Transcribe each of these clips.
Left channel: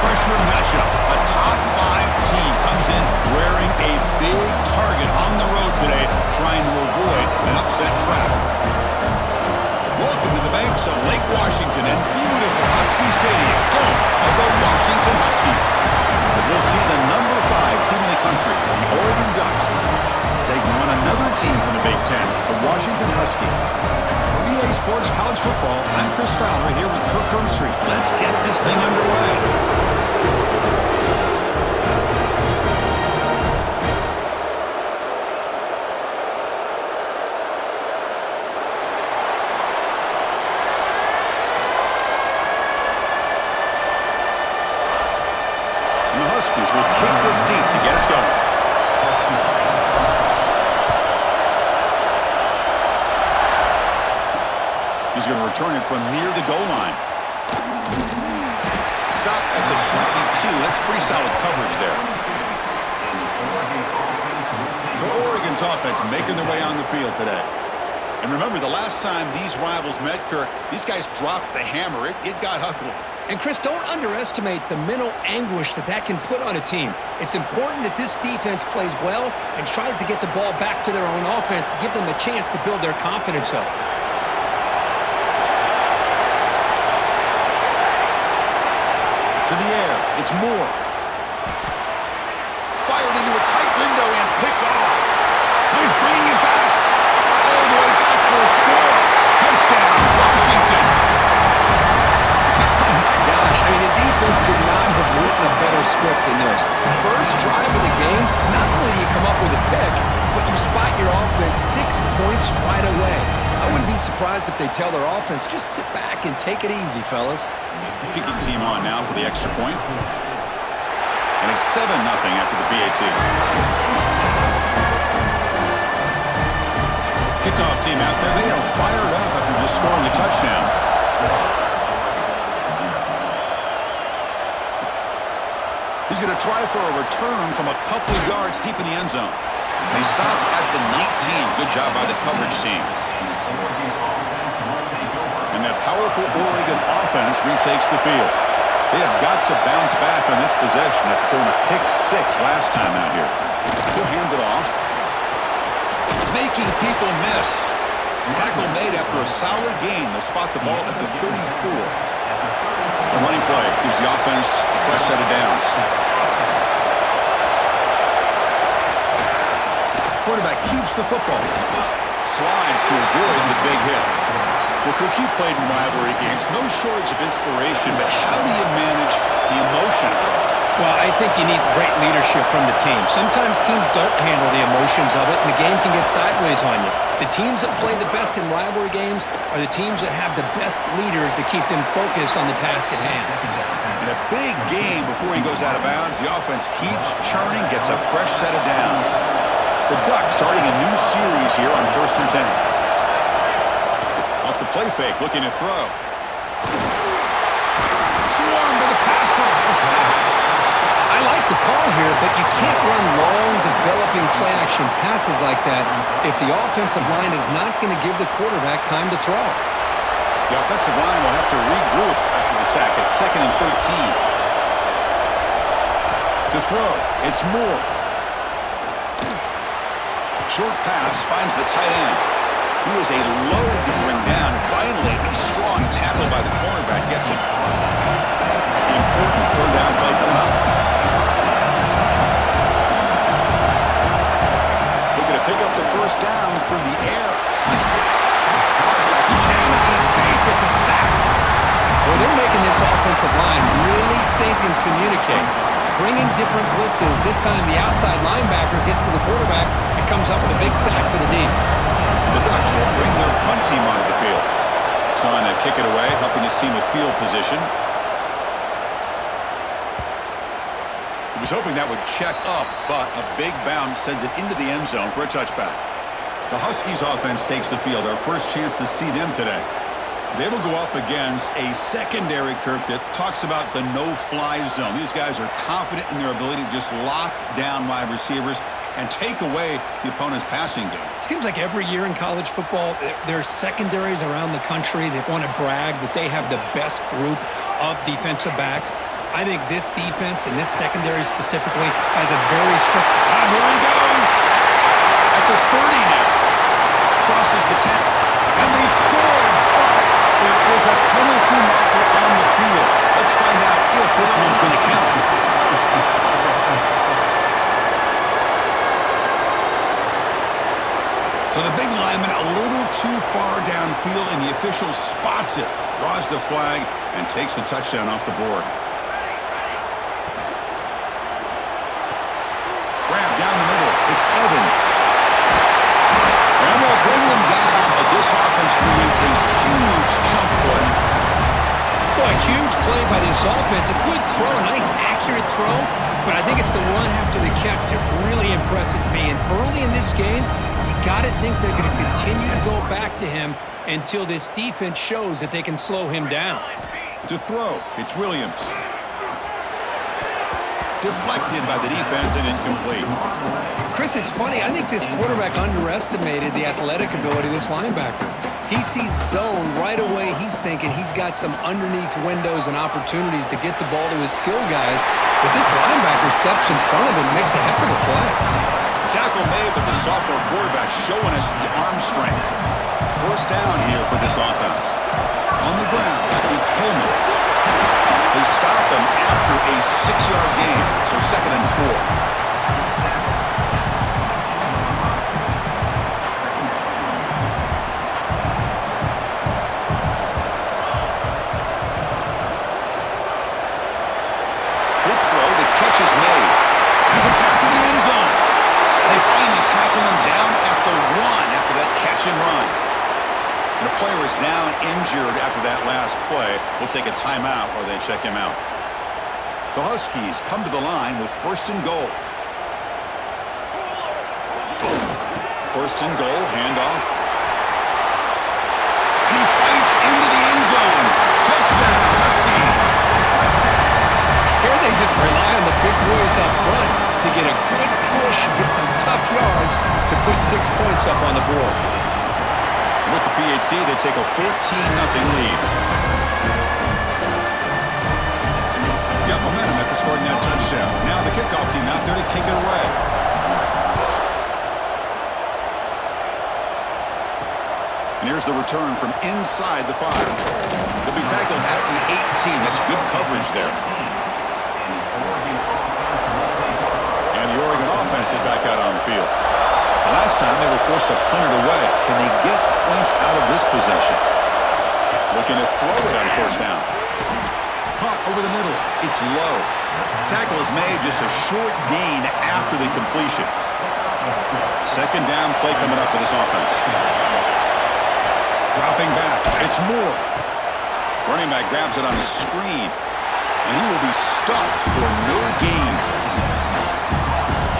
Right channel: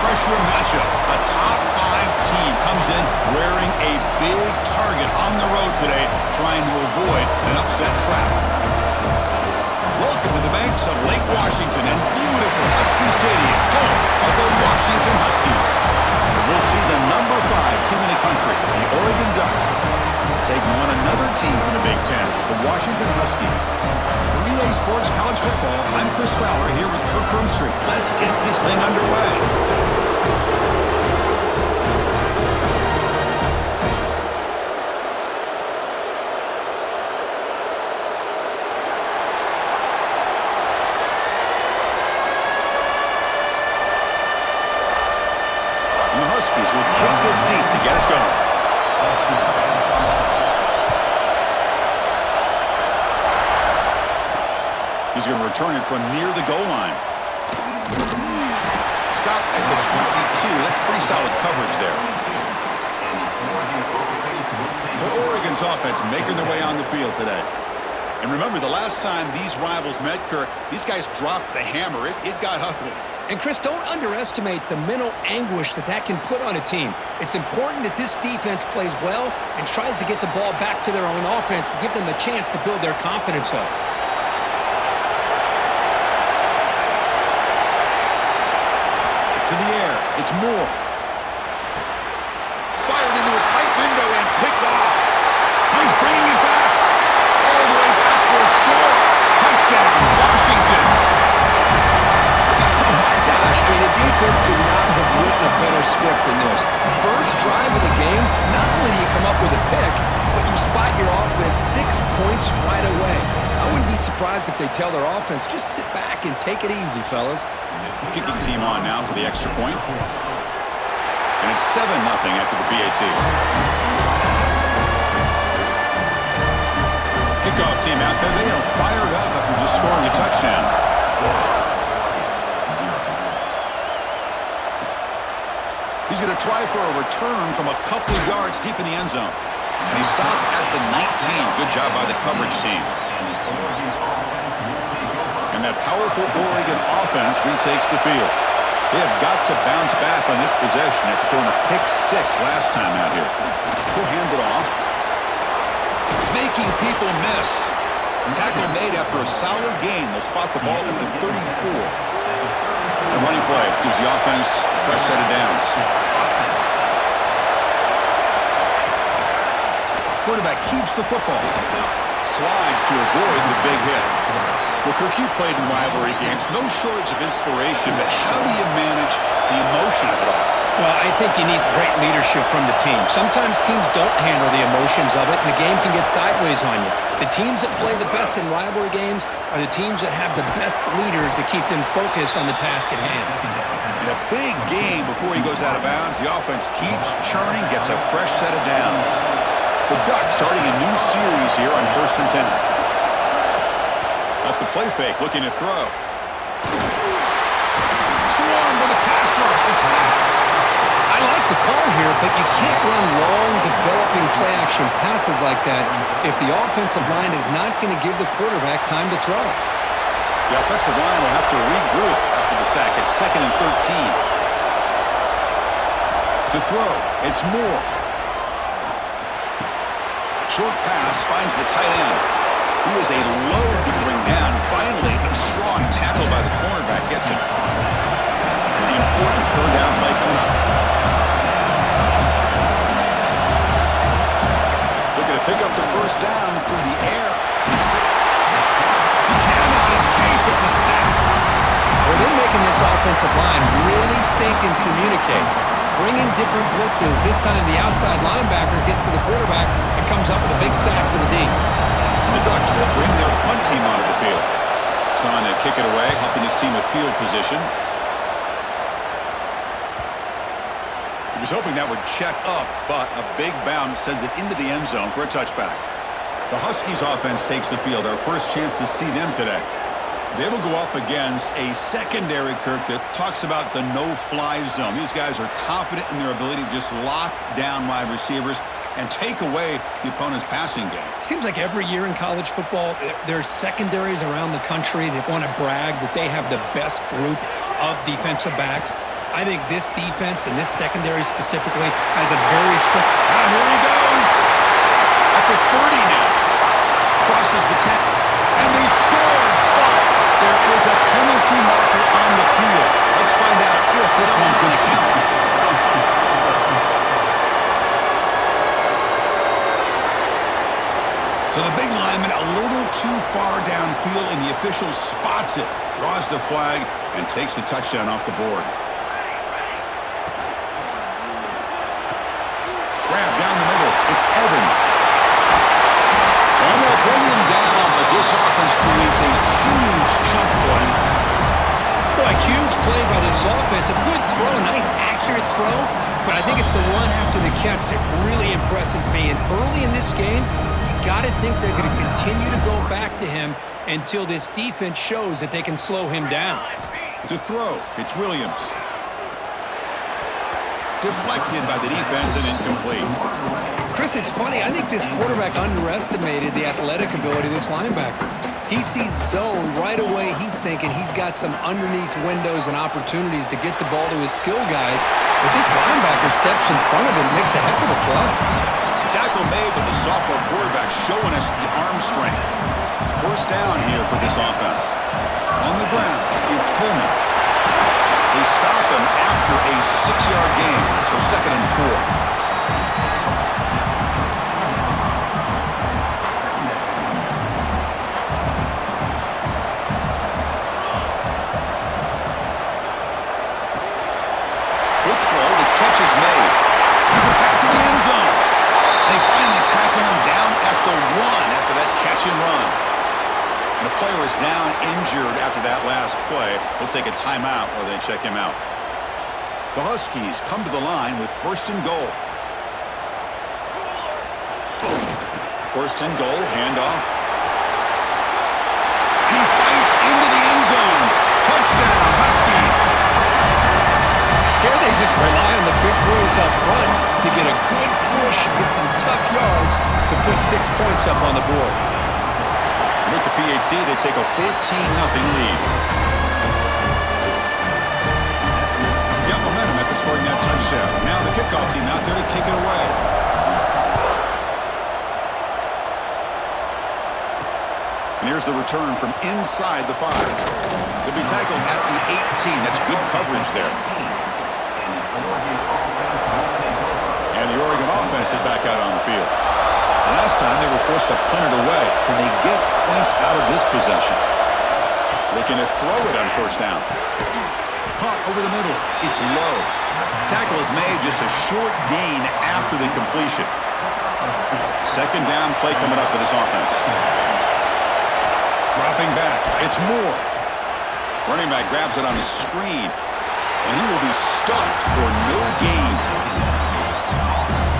high-pressure matchup. A top-5 team comes in wearing a big target on the road today, trying to avoid an upset trap. Welcome to the banks of Lake Washington and beautiful Husky Stadium, home of the Washington Huskies. As we'll see the number 5 team in the country, the Oregon Ducks, taking on another team from the Big Ten, the Washington Huskies. For EA Sports College Football, I'm Chris Fowler here with Kirk Hermstreet. Let's get this thing underway. And the Huskies will kick this deep to get us going. He's going to return it from near the goal line. Stop at the 22. That's pretty solid coverage there. So Oregon's offense making their way on the field today. And remember, the last time these rivals met, Kirk, these guys dropped the hammer. It got ugly. And, Chris, don't underestimate the mental anguish that can put on a team. It's important that this defense plays well and tries to get the ball back to their own offense to give them a chance to build their confidence up. To the air, it's Moore. Fired into a tight window and picked off. Now he's bringing it back. All the way back for a score. Touchdown, Washington. Oh, my gosh. I mean, the defense could not have written a better script than this. First drive of the game, not only do you come up with a pick, but you spot your offense 6 points right away. I wouldn't be surprised if they tell their offense, just sit back and take it easy, fellas. Kicking team on now for the extra point. And it's 7-0 after the PAT. Kickoff team out there. They are fired up after just scoring a touchdown. He's going to try for a return from a couple of yards deep in the end zone. And he stopped at the 19. Good job by the coverage team. And that powerful Oregon offense retakes the field. They have got to bounce back on this possession after throwing a pick 6 last time out here. We'll hand it off. Making people miss. Tackle made after a solid gain. They'll spot the ball at the 34. The running play gives the offense a fresh set of downs. Quarterback keeps the football. Slides to avoid the big hit. Well, Kirk, you played in rivalry games. No shortage of inspiration, but how do you manage the emotion of it all? Well, I think you need great leadership from the team. Sometimes teams don't handle the emotions of it, and the game can get sideways on you. The teams that play the best in rivalry games are the teams that have the best leaders to keep them focused on the task at hand. In a big game before he goes out of bounds, the offense keeps churning, gets a fresh set of downs. The Ducks starting a new series here on 1st and 10. Off the play fake, looking to throw. Swarm to the pass rush, a sack. I like the call here, but you can't run long, developing play-action passes like that if the offensive line is not going to give the quarterback time to throw. The offensive line will have to regroup after the sack. It's 2nd and 13. To throw, it's Moore. Short pass finds the tight end. He is a load to bring down. Finally, a strong tackle by the cornerback gets him. The important 3rd down play coming up. Looking to pick up the 1st down through the air. He cannot escape. It's a sack. Well, they're making this offensive line really think and communicate. Bringing different blitzes. This time the outside linebacker gets to the quarterback and comes up with a big sack for the D. The Ducks will bring their punt team onto the field. He's on to kick it away, helping his team with field position. He was hoping that would check up, but a big bounce sends it into the end zone for a touchback. The Huskies offense takes the field. Our first chance to see them today. They will go up against a secondary, Kirk, that talks about the no-fly zone. These guys are confident in their ability to just lock down wide receivers and take away the opponent's passing game. Seems like every year in college football, there's secondaries around the country that want to brag that they have the best group of defensive backs. I think this defense and this secondary specifically has a very strict... Here he goes. At the 30 now. Crosses the 10. And they scored, but there is a penalty marker on the field. Let's find out if this one's going to count. So the big lineman a little too far downfield, and the official spots it, draws the flag, and takes the touchdown off the board. Grab down the middle. It's Evans. And they'll bring him down, but this offense creates a huge chunk play. Well, a huge play by this offense. A good throw, a nice accurate throw, but I think it's the one after the catch that really impresses me. And early in this game, you got to think they're going to continue to go back to him until this defense shows that they can slow him down. To throw, it's Williams. Deflected by the defense and incomplete. Chris, it's funny. I think this quarterback underestimated the athletic ability of this linebacker. He sees zone right away. He's thinking he's got some underneath windows and opportunities to get the ball to his skill guys. But this linebacker steps in front of him and makes a heck of a play. The tackle made, but the sophomore quarterback showing us the arm strength. First down here for this offense. On the ground, it's Coleman. They stop him after a 6-yard gain, so 2nd and 4. Good throw, the catch is made. Has it back to the end zone. They finally tackle him down at the 1 after that catch and run. And a player is down injured after that last play. We'll take a timeout while they check him out. The Huskies come to the line with 1st and goal. 1st and goal, handoff. And he fights into the end zone. Touchdown, Huskies. Here they just rely on the big boys up front to get a good push and get some tough yards to put 6 points up on the board. With the PAT, they take a 14-0 lead. Got momentum after scoring that touchdown. Now the kickoff team out there to kick it away. And here's the return from inside the 5. They'll be tackled at the 18. That's good coverage there. And the Oregon offense is back out on the field. Last time they were forced to punt it away. Can they get points out of this possession? Looking to throw it on 1st down. Caught over the middle. It's low. Tackle is made, just a short gain after the completion. 2nd down play coming up for this offense. Dropping back. It's Moore. Running back grabs it on the screen. And he will be stuffed for no gain.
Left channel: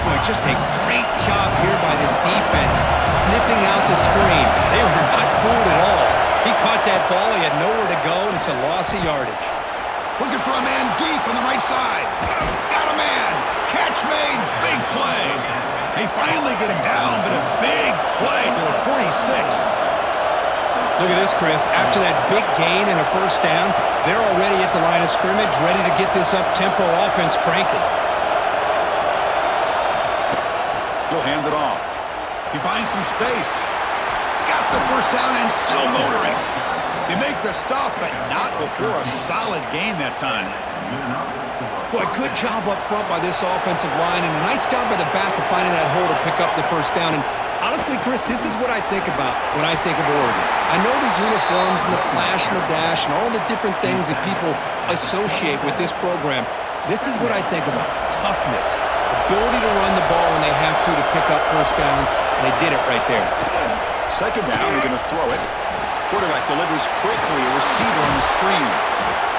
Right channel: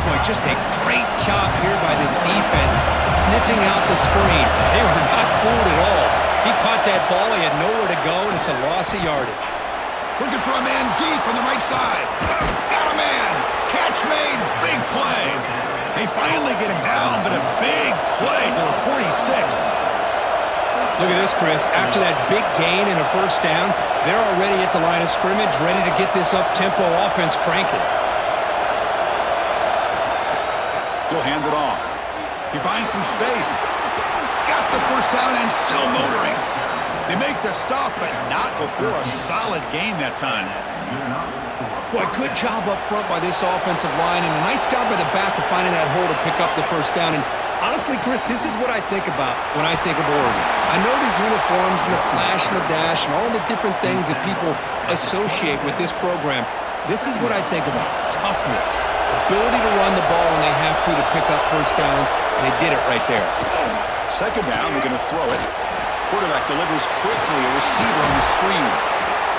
Boy, just a great job here by this defense, sniffing out the screen. They were not fooled at all. He caught that ball. He had nowhere to go, and it's a loss of yardage. Looking for a man deep on the right side. Got a man. Catch made. Big play. They finally get him down, but a big play to the 46. Look at this, Chris. After that big gain and a 1st down, they're already at the line of scrimmage, ready to get this up-tempo offense cranking. He'll hand it off. He finds some space. He's got the 1st down and still motoring. They make the stop, but not before a solid gain that time. Boy, good job up front by this offensive line, and a nice job by the back of finding that hole to pick up the 1st down. And honestly, Chris, this is what I think about when I think of Oregon. I know the uniforms and the flash and the dash and all the different things that people associate with this program. This is what I think about. Toughness. Ability to run the ball when they have to pick up 1st downs, and they did it right there. 2nd down, we're going to throw it. Quarterback delivers quickly, a receiver on the screen.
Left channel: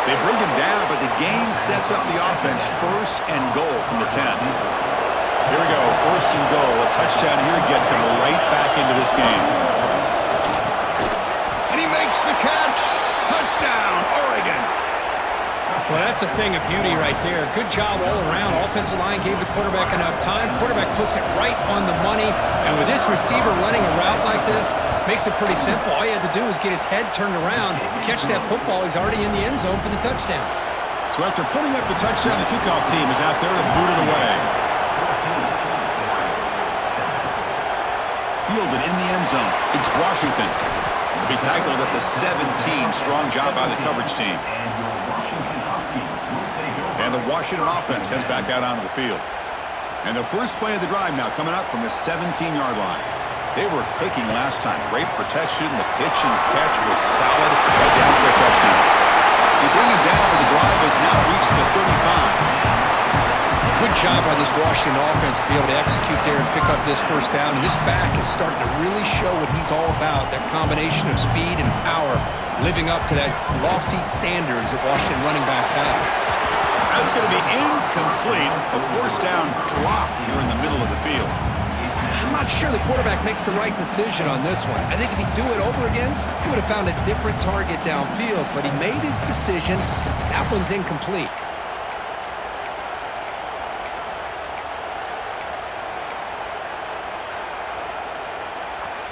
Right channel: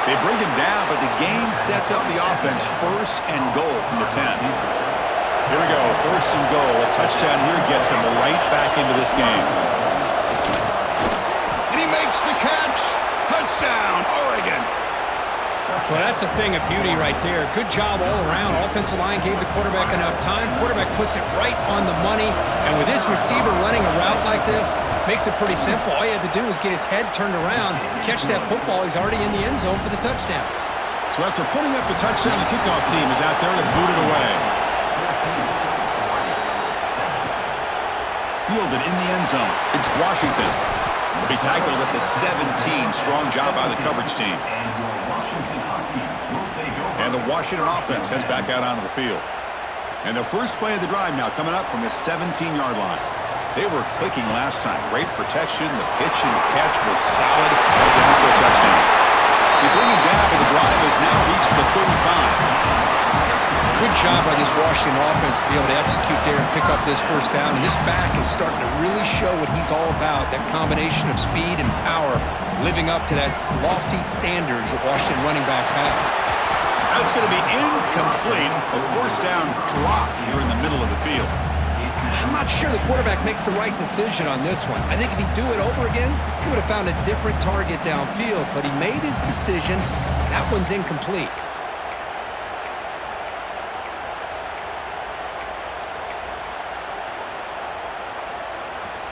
They bring him down, but the game sets up the offense 1st and goal from the 10. Here we go, 1st and goal. A touchdown here gets him right back into this game. And he makes the catch. Touchdown, Oregon. Well, that's a thing of beauty right there. Good job all around. Offensive line gave the quarterback enough time. Quarterback puts it right on the money. And with this receiver running a route like this, makes it pretty simple. All he had to do was get his head turned around, catch that football. He's already in the end zone for the touchdown. So after putting up a touchdown, the kickoff team is out there to boot it away. Fielded in the end zone. It's Washington. Will be tackled at the 17. Strong job by the coverage team. And the Washington offense heads back out onto the field. And the first play of the drive now coming up from the 17-yard line. They were clicking last time. Great protection. The pitch and catch was solid. Right down for a touchdown. You bring him down, but the drive has now reached the 35. Good job by this Washington offense to be able to execute there and pick up this first down. And this back is starting to really show what he's all about, that combination of speed and power, living up to that lofty standards that Washington running backs have. That's going to be incomplete. A first down drop here in the middle of the field. I'm not sure the quarterback makes the right decision on this one. I think if he'd do it over again, he would have found a different target downfield, but he made his decision. That one's incomplete.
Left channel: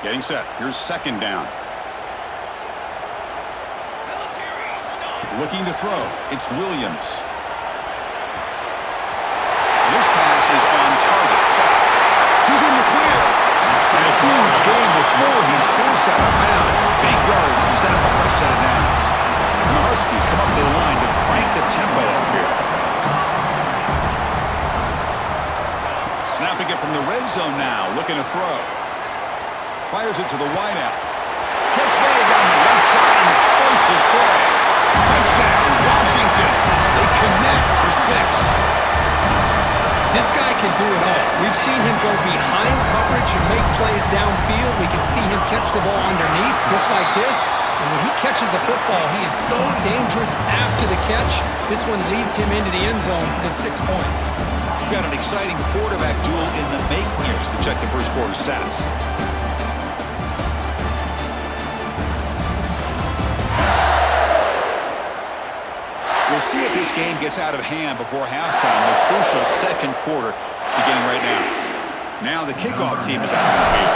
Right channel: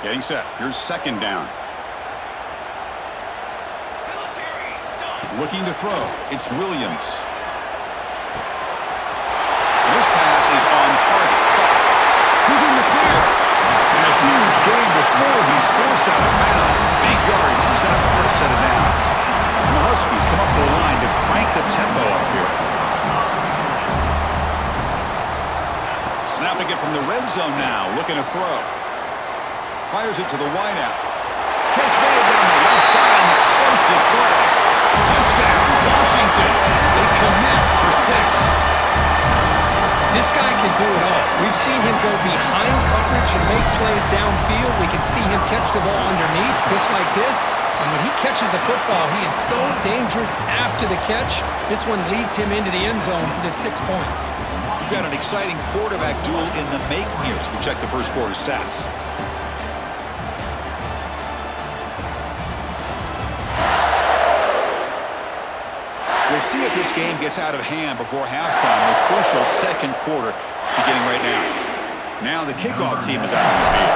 Getting set. Here's second down. Looking to throw. It's Williams. And this pass is on target. Caught. Who's in the clear? And a huge gain before he's forced out of bounds. Big yardage to set up a fresh set of downs. And the Huskies come up to the line to crank the tempo up here. Snapping it from the red zone now. Looking to throw. Fires it to the wideout. Catch made down the left side. An explosive play. Touchdown, Washington. They connect for 6. This guy can do it all. We've seen him go behind coverage and make plays downfield. We can see him catch the ball underneath, just like this. And when he catches a football, he is so dangerous after the catch. This one leads him into the end zone for the 6 points. We've got an exciting quarterback duel in the making here as we check the first quarter stats. We'll see if this game gets out of hand before halftime. The crucial second quarter beginning right now. Now the kickoff team is out on the field.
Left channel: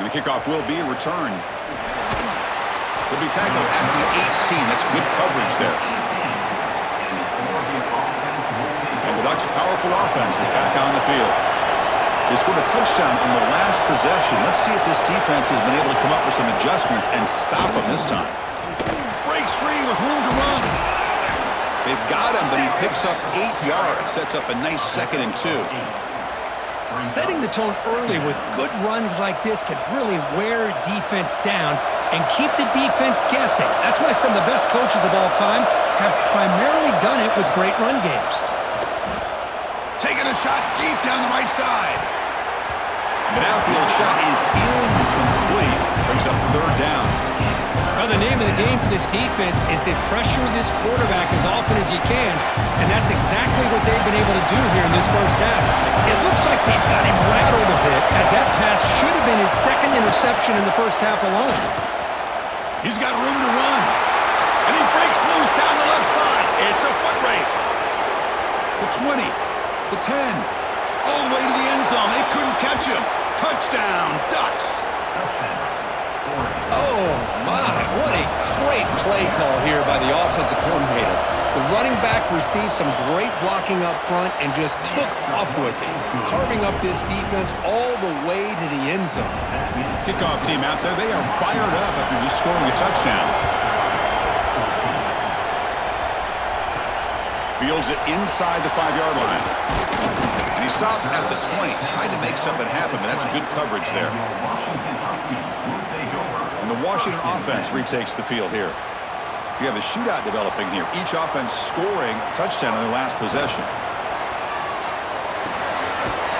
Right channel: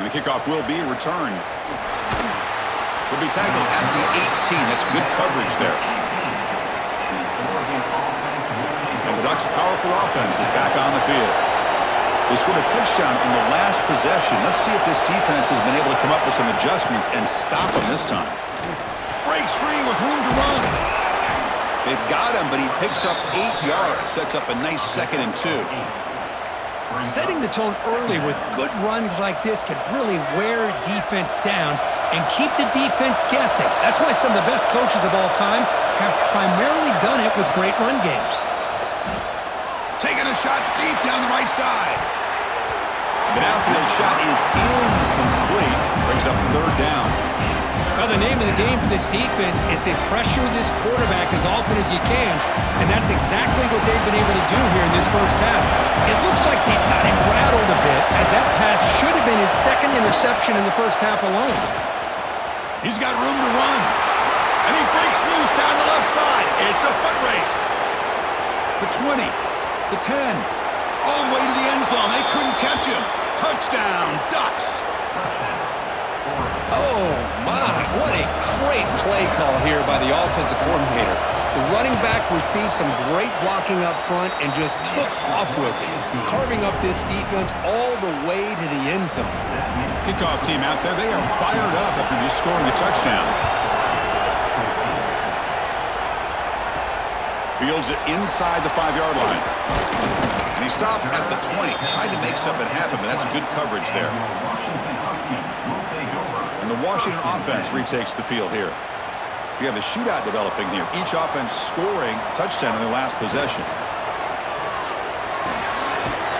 And the kickoff will be returned. He'll be tackled at the 18. That's good coverage there. And the Ducks' powerful offense is back on the field. They scored a touchdown on the last possession. Let's see if this defense has been able to come up with some adjustments and stop them this time. Breaks free with room to run. They've got him, but he picks up 8 yards. Sets up a nice 2nd and 2. Setting the tone early with good runs like this can really wear defense down and keep the defense guessing. That's why some of the best coaches of all time have primarily done it with great run games. Taking a shot deep down the right side. The downfield shot is incomplete. Brings up 3rd down. Well, the name of the game for this defense is to pressure this quarterback as often as you can, and that's exactly what they've been able to do here in this first half. It looks like they've got him rattled a bit, as that pass should have been his 2nd interception in the first half alone. He's got room to run. And he breaks loose down the left side. It's a foot race. The 20. The 10. All the way to the end zone. They couldn't catch him. Touchdown, Ducks. Oh, my. What a great play call here by the offensive coordinator. The running back received some great blocking up front and just took off with it, carving up this defense all the way to the end zone. Kickoff team out there. They are fired up after just scoring a touchdown. Fields it inside the 5-yard line. And he stopped at the 20. Tried to make something happen, but that's good coverage there. And the Washington offense retakes the field here. You have a shootout developing here. Each offense scoring a touchdown on their last possession.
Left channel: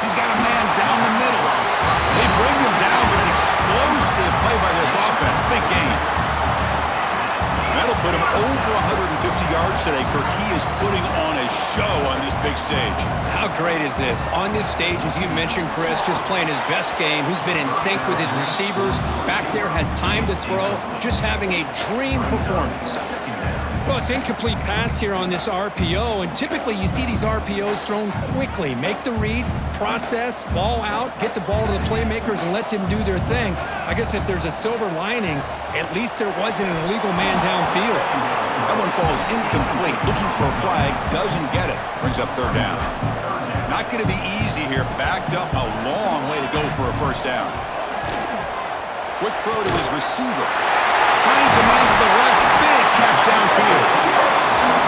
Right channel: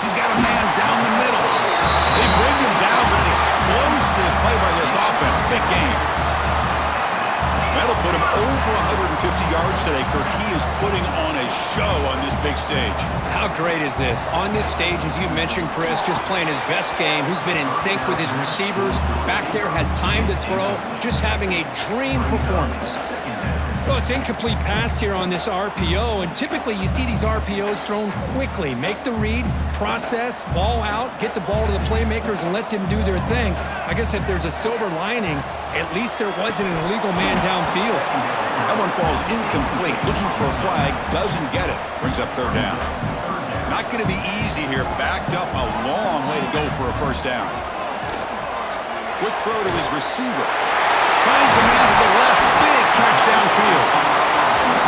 He's got a man down the middle. They bring him down, but an explosive play by this offense. Big game. That'll put him over 150 yards today, Kirk. He is putting on a show on this big stage. How great is this? On this stage, as you mentioned, Chris, just playing his best game. Who's been in sync with his receivers. Back there has time to throw. Just having a dream performance. Well, it's incomplete pass here on this RPO, and typically you see these RPOs thrown quickly. Make the read, process, ball out, get the ball to the playmakers and let them do their thing. I guess if there's a silver lining, at least there wasn't an illegal man downfield. That one falls incomplete. Looking for a flag, doesn't get it. Brings up third down. Not going to be easy here. Backed up a long way to go for a first down. Quick throw to his receiver. Finds a man to the left. Big catch downfield.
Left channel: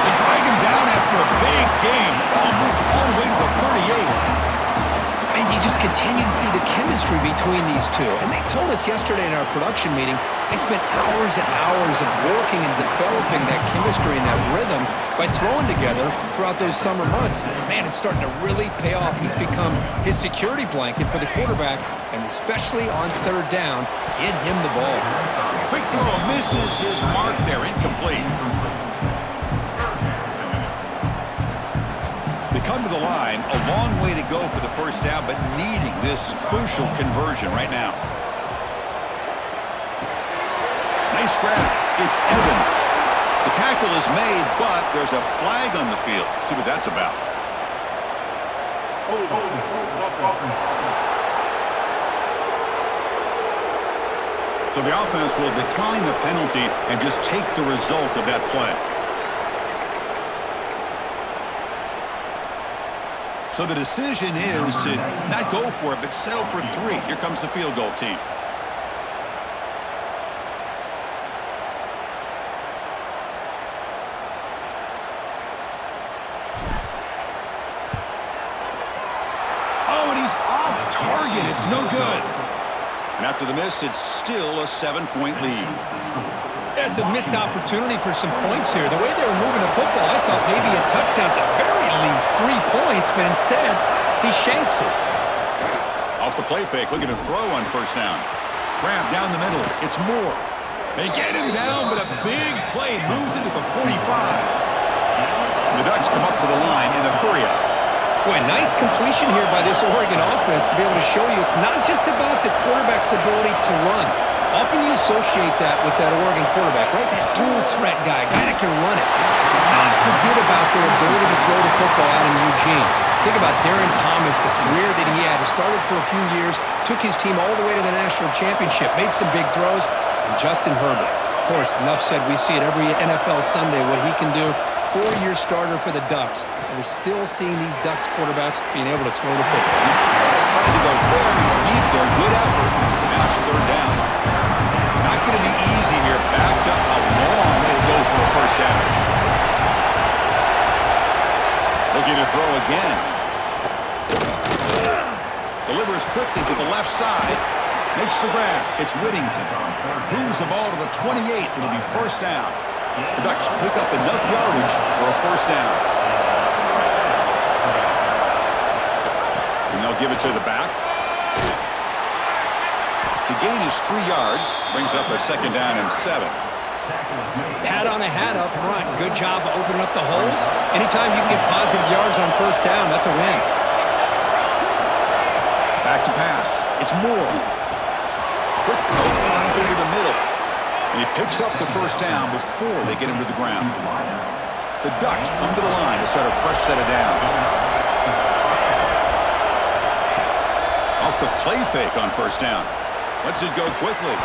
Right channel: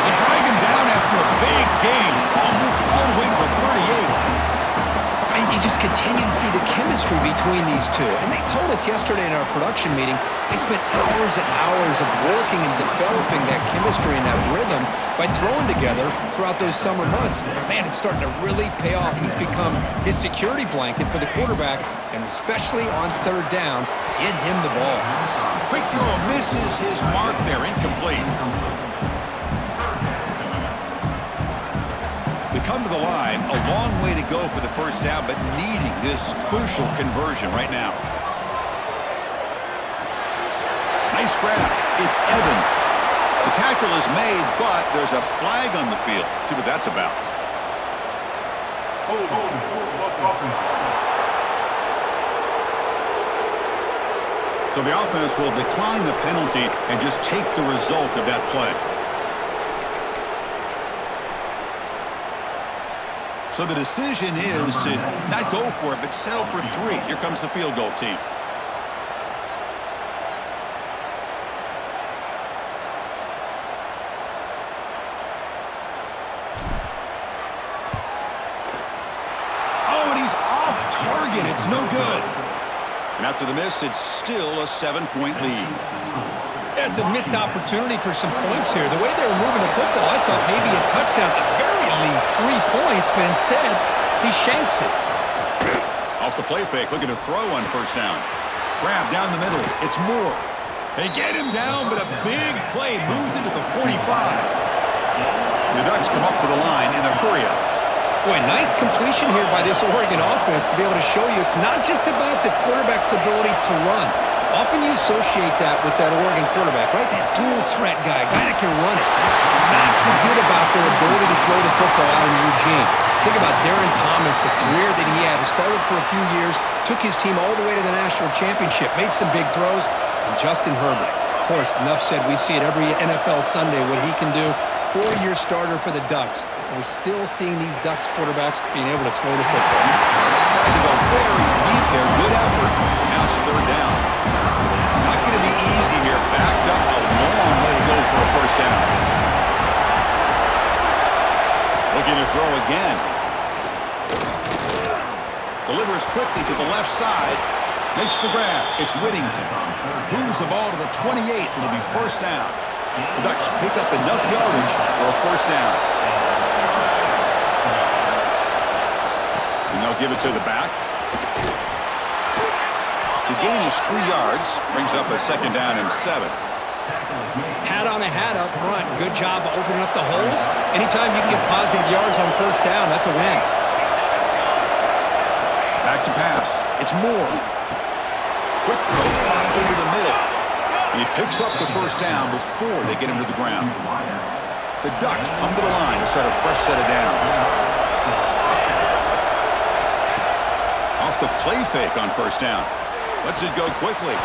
They drag him down after a big gain. Ball moved all the way to the 38. And you just continue to see the chemistry between these two. And they told us yesterday in our production meeting, they spent hours and hours of working and developing that chemistry and that rhythm by throwing together throughout those summer months. And man, it's starting to really pay off. He's become his security blanket for the quarterback, and especially on third down, get him the ball. Quick throw misses his mark there. Incomplete. They come to the line, a long way to go for the first down, but needing this crucial conversion right now. Nice grab. It's Evans. The tackle is made, but there's a flag on the field. Let's see what that's about. So the offense will decline the penalty and just take the result of that play. So the decision is to not go for it, but settle for 3. Here comes the field goal team. Oh, and he's off target. It's no good. And after the miss, it's still a 7-point lead. That's a missed opportunity for some points here. The way they were moving the football, I thought maybe a touchdown at the very least, 3 points, but instead, he shanks it. Off the play fake, looking to throw on first down. Grab down the middle. It's Moore. They get him down, but a big play moves into the 45. And the Ducks come up to the line in the hurry-up. Boy, nice completion here by this Oregon offense to be able to show you it's not just about the quarterback's ability to run. Often you associate that with that Oregon quarterback, right? That dual threat guy that can run it. Do not forget about their ability to throw the football out in Eugene. Think about Darren Thomas, the career that he had. He started for a few years, took his team all the way to the national championship, made some big throws, and Justin Herbert. Of course, enough said, we see it every NFL Sunday what he can do. 4-year starter for the Ducks. And we're still seeing these Ducks quarterbacks being able to throw the football. Trying to go very deep there. Good effort. Now it's third down. Not going to be easy here. Backed up a long way to go for a first down. Looking to throw again. Delivers quickly to the left side. Makes the grab. It's Whittington. Moves the ball to the 28. It'll be first down. The Ducks pick up enough yardage for a first down. And they'll give it to the back. The gain is 3 yards. Brings up a second down and 7. Hat on a hat up front. Good job of opening up the holes. Anytime you can get positive yards on first down, that's a win. Back to pass. It's Moore. Quick throw over the middle. And he picks up the first down before they get him to the ground. The Ducks come to the line to start a fresh set of downs. Off the play fake on first down. Lets it go quickly.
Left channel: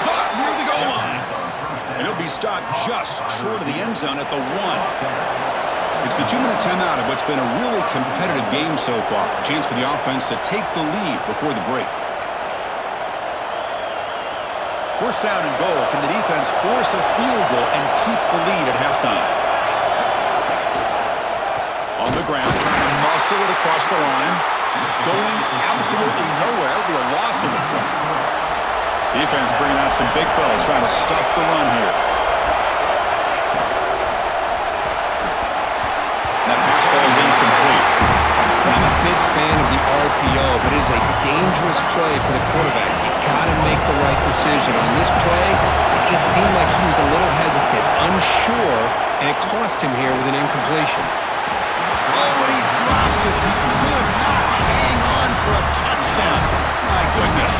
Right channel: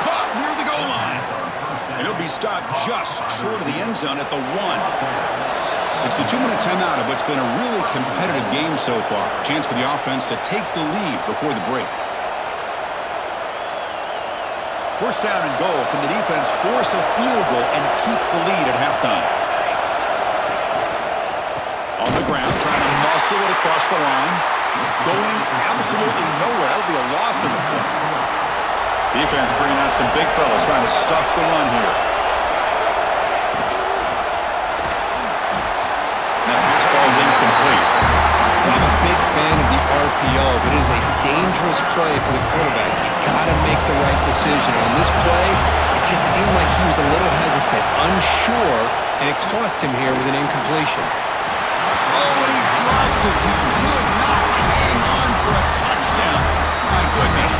Caught near the goal line. And he'll be stopped just short of the end zone at the 1. It's the 2-minute timeout of what's been a really competitive game so far. Chance for the offense to take the lead before the break. First down and goal. Can the defense force a field goal and keep the lead at halftime? On the ground, trying to muscle it across the line. Going absolutely nowhere. That'll be a loss in the play. Defense bringing out some big fellas trying to stuff the run here. And that pass falls incomplete. I'm a big fan of the RPO, but it is a dangerous play for the quarterback. You got to make the right decision. On this play, it just seemed like he was a little hesitant, unsure, and it cost him here with an incompletion. Oh, and he dropped it. He could not hang on for a touchdown. My goodness.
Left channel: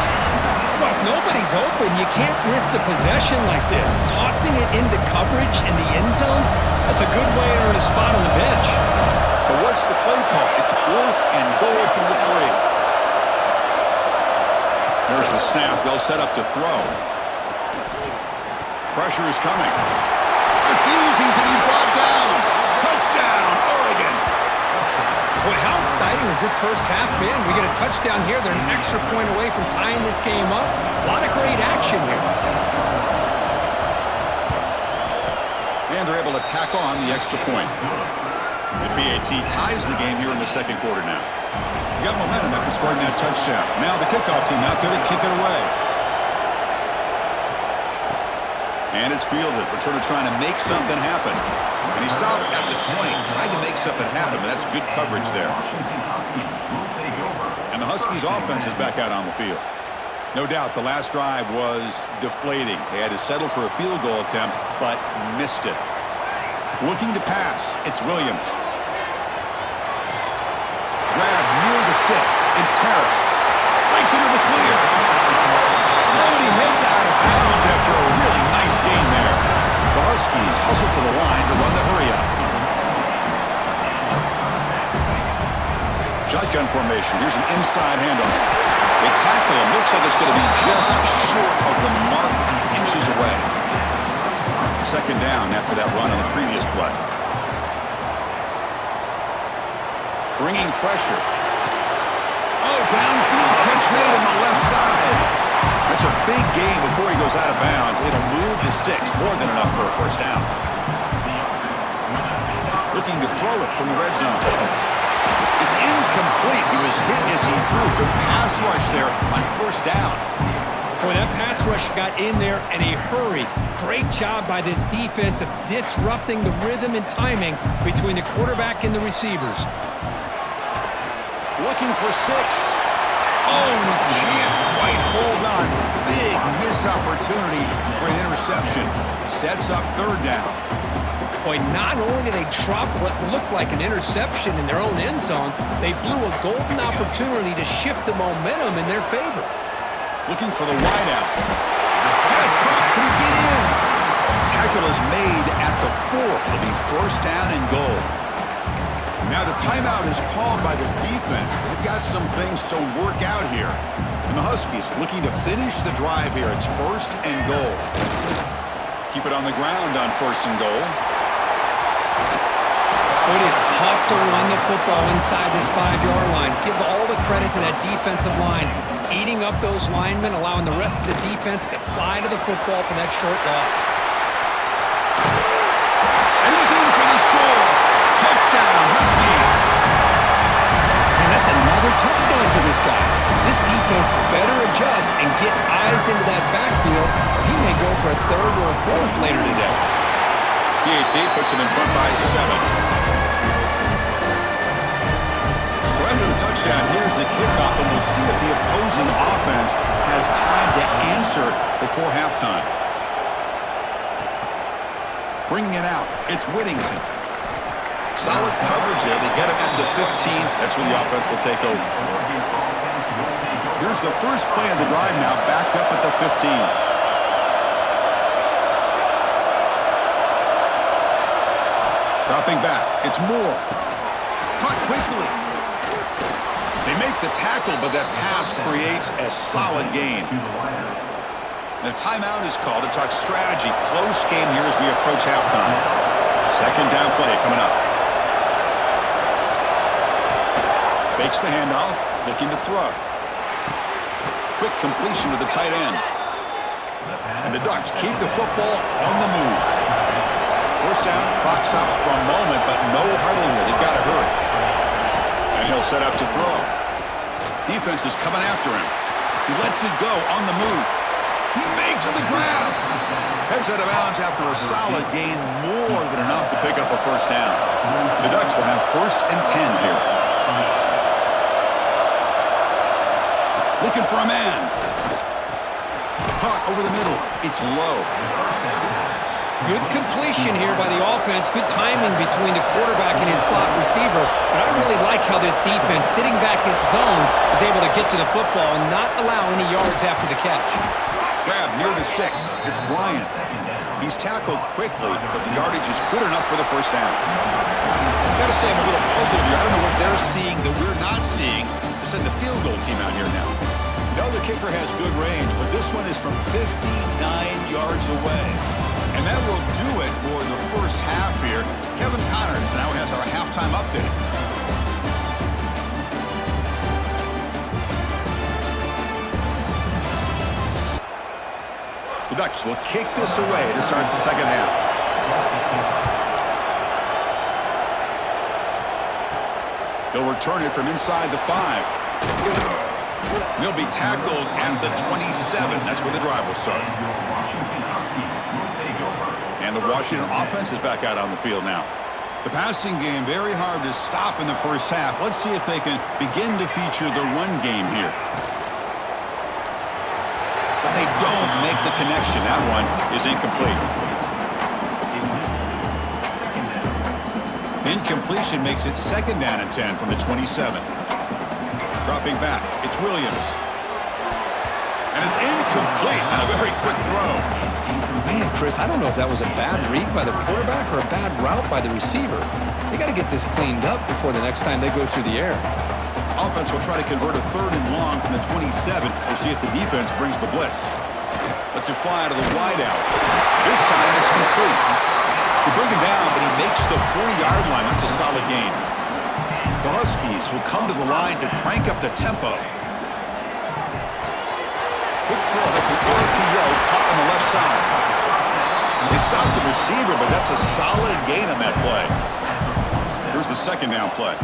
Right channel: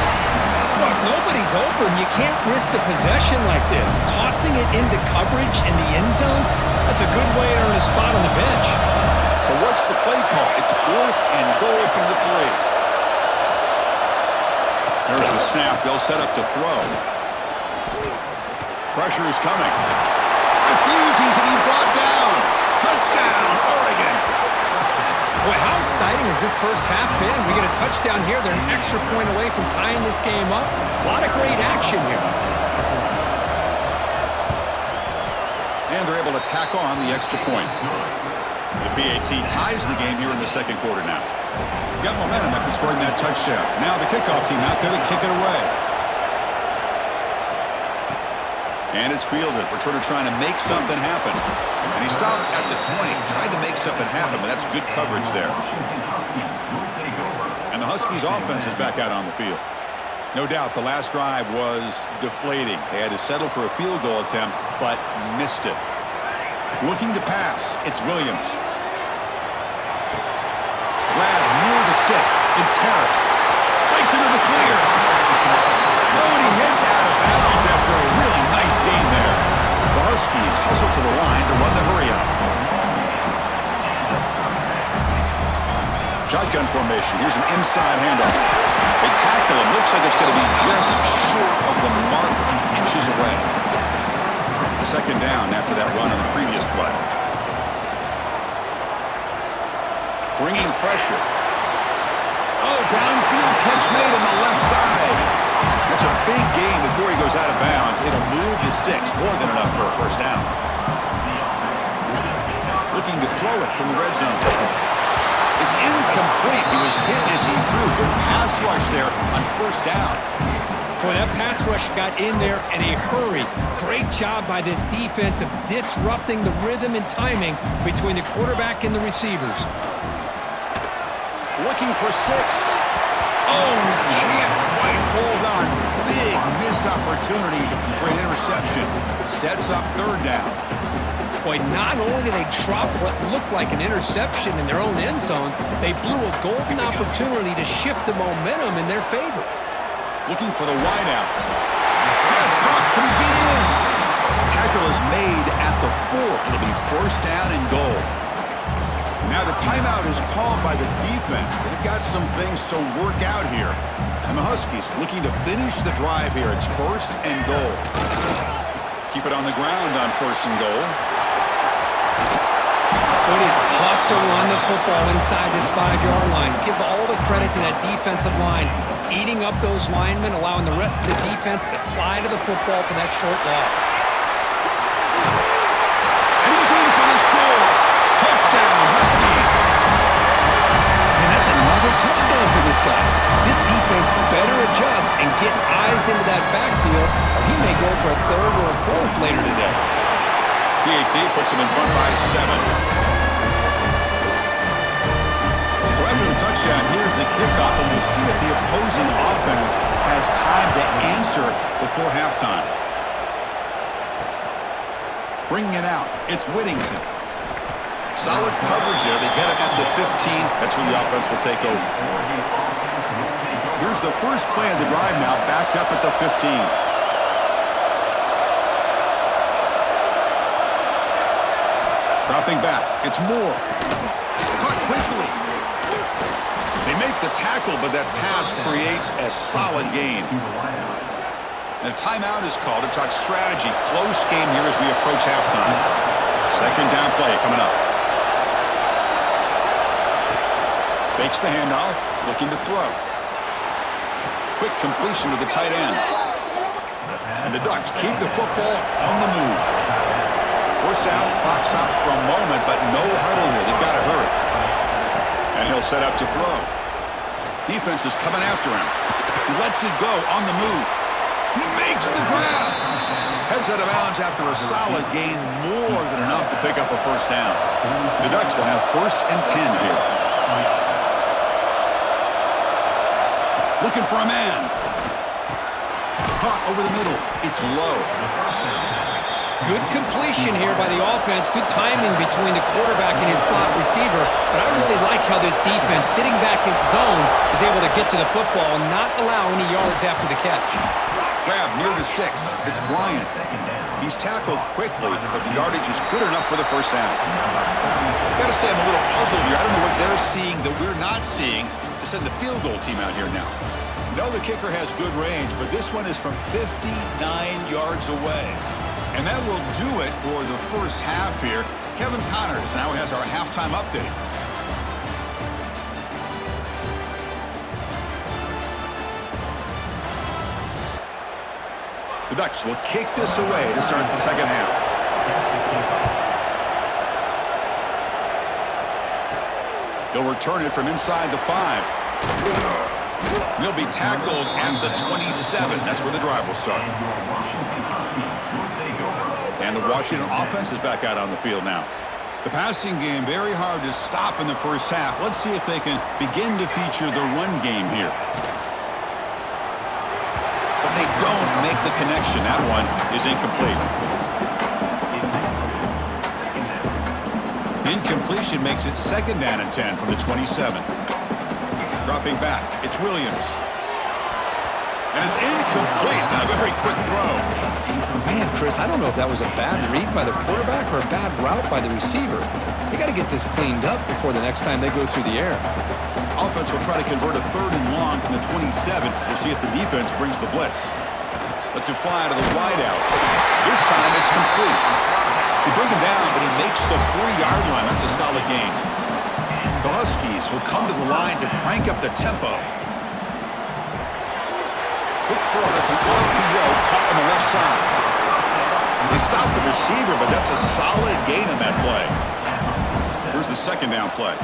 nobody's open, you can't risk the possession like this. Tossing it into coverage in the end zone, that's a good way to earn a spot on the bench. So what's the play call? It's 4th and goal from the 3. There's the snap. They'll set up to throw. Pressure is coming. Refusing to be brought down. Touchdown, Oregon. Boy, how exciting has this first half been? We get a touchdown here. They're an extra point away from tying this game up. A lot of great action here. And they're able to tack on the extra point. The BAT ties the game here in the second quarter now. You got momentum after scoring that touchdown. Now the kickoff team out there to kick it away. And it's fielded. Returner trying to make something happen. And he stopped at the 20. Tried to make something happen, but that's good coverage there. And the Huskies offense is back out on the field. No doubt the last drive was deflating. They had to settle for a field goal attempt, but missed it. Looking to pass, it's Williams. Grab near the sticks. It's Harris. Breaks into the clear. Oh, and he heads out of bounds after a really nice gain there. The Huskies hustle to the line to run the hurry-up. Shotgun formation. Here's an inside handoff. They tackle him. Looks like it's going to be just short of the mark, inches away. Second down after that run on the previous play. Bringing pressure. Oh, downfield catch made on the left side. That's a big gain before he goes out of bounds. It'll move the sticks, more than enough for a first down. Looking to throw it from the red zone. It's incomplete. He was hit as he threw. Good pass rush there on first down. Boy, that pass rush got in there in a hurry. Great job by this defense of disrupting the rhythm and timing between the quarterback and the receivers. Looking for 6. Oh, he can't quite hold on. Big missed opportunity for an interception. Sets up third down. Boy, not only did they drop what looked like an interception in their own end zone, they blew a golden opportunity to shift the momentum in their favor. Looking for the wideout. Pass caught. Can he get in? Tackle is made at the 4. It'll be first down and goal. Now the timeout is called by the defense. They've got some things to work out here. And the Huskies looking to finish the drive here. It's first and goal. Keep it on the ground on first and goal. It is tough to run the football inside this 5-yard line. Give all the credit to that defensive line. Eating up those linemen, allowing the rest of the defense to fly to the football for that short loss. And he's in for the score. Touchdown, Huskies. And that's another touchdown for this guy. This defense better adjust and get eyes into that backfield, or he may go for a 3rd or a 4th later today. BAT puts him in front by 7. So after the touchdown, here's the kickoff, and we'll see if the opposing offense has time to answer before halftime. Bringing it out, it's Whittington. Solid coverage there. They get him at the 15. That's where the offense will take over. Here's the first play of the drive now, backed up at the 15. Dropping back. It's Moore. Caught quickly. They make the tackle, but that pass creates a solid gain. And a timeout is called to talk strategy. Close game here as we approach halftime. Second down play coming up. Fakes the handoff, looking to throw. Quick completion to the tight end. And the Ducks keep the football on the move. First down, clock stops for a moment, but no huddle here. They've got to hurry. And he'll set up to throw. Defense is coming after him. He lets it go on the move. He makes the grab. Heads out of bounds after a solid gain, more than enough to pick up a first down. The Ducks will have 1st and 10 here. Looking for a man. Caught over the middle. It's low. Good completion here by the offense. Good timing between the quarterback and his slot receiver. But I really like how this defense, sitting back in zone, is able to get to the football and not allow any yards after the catch. Grab near the sticks. It's Bryant. He's tackled quickly, but the yardage is good enough for the first down. Got to say, I'm a little puzzled here. I don't know what they're seeing that we're not seeing to send the field goal team out here now. You know the kicker has good range, but this one is from 59 yards away. And that will do it for the first half here. Kevin Connors now has our halftime update. The Ducks will kick this away to start the second half. He'll return it from inside the 5. He'll be tackled at the 27. That's where the drive will start. And the Washington offense is back out on the field now. The passing game very hard to stop in the first half. Let's see if they can begin to feature the run game here. But they don't make the connection. That one is incomplete. Incompletion makes it 2nd down and 10 from the 27. Dropping back, it's Williams. And it's incomplete on a very quick throw. Man, Chris, I don't know if that was a bad read by the quarterback or a bad route by the receiver. They got to get this cleaned up before the next time they go through the air. Offense will try to convert a 3rd and long from the 27. We'll see if the defense brings the blitz. Lets it fly out of the wideout. This time it's complete. They bring him down, but he makes the 4-yard line. That's a solid gain. The Huskies will come to the line to crank up the tempo. Quick throw. That's an RPO caught on the left side. They stopped the receiver, but that's a solid gain on that play. Here's the 2nd down play.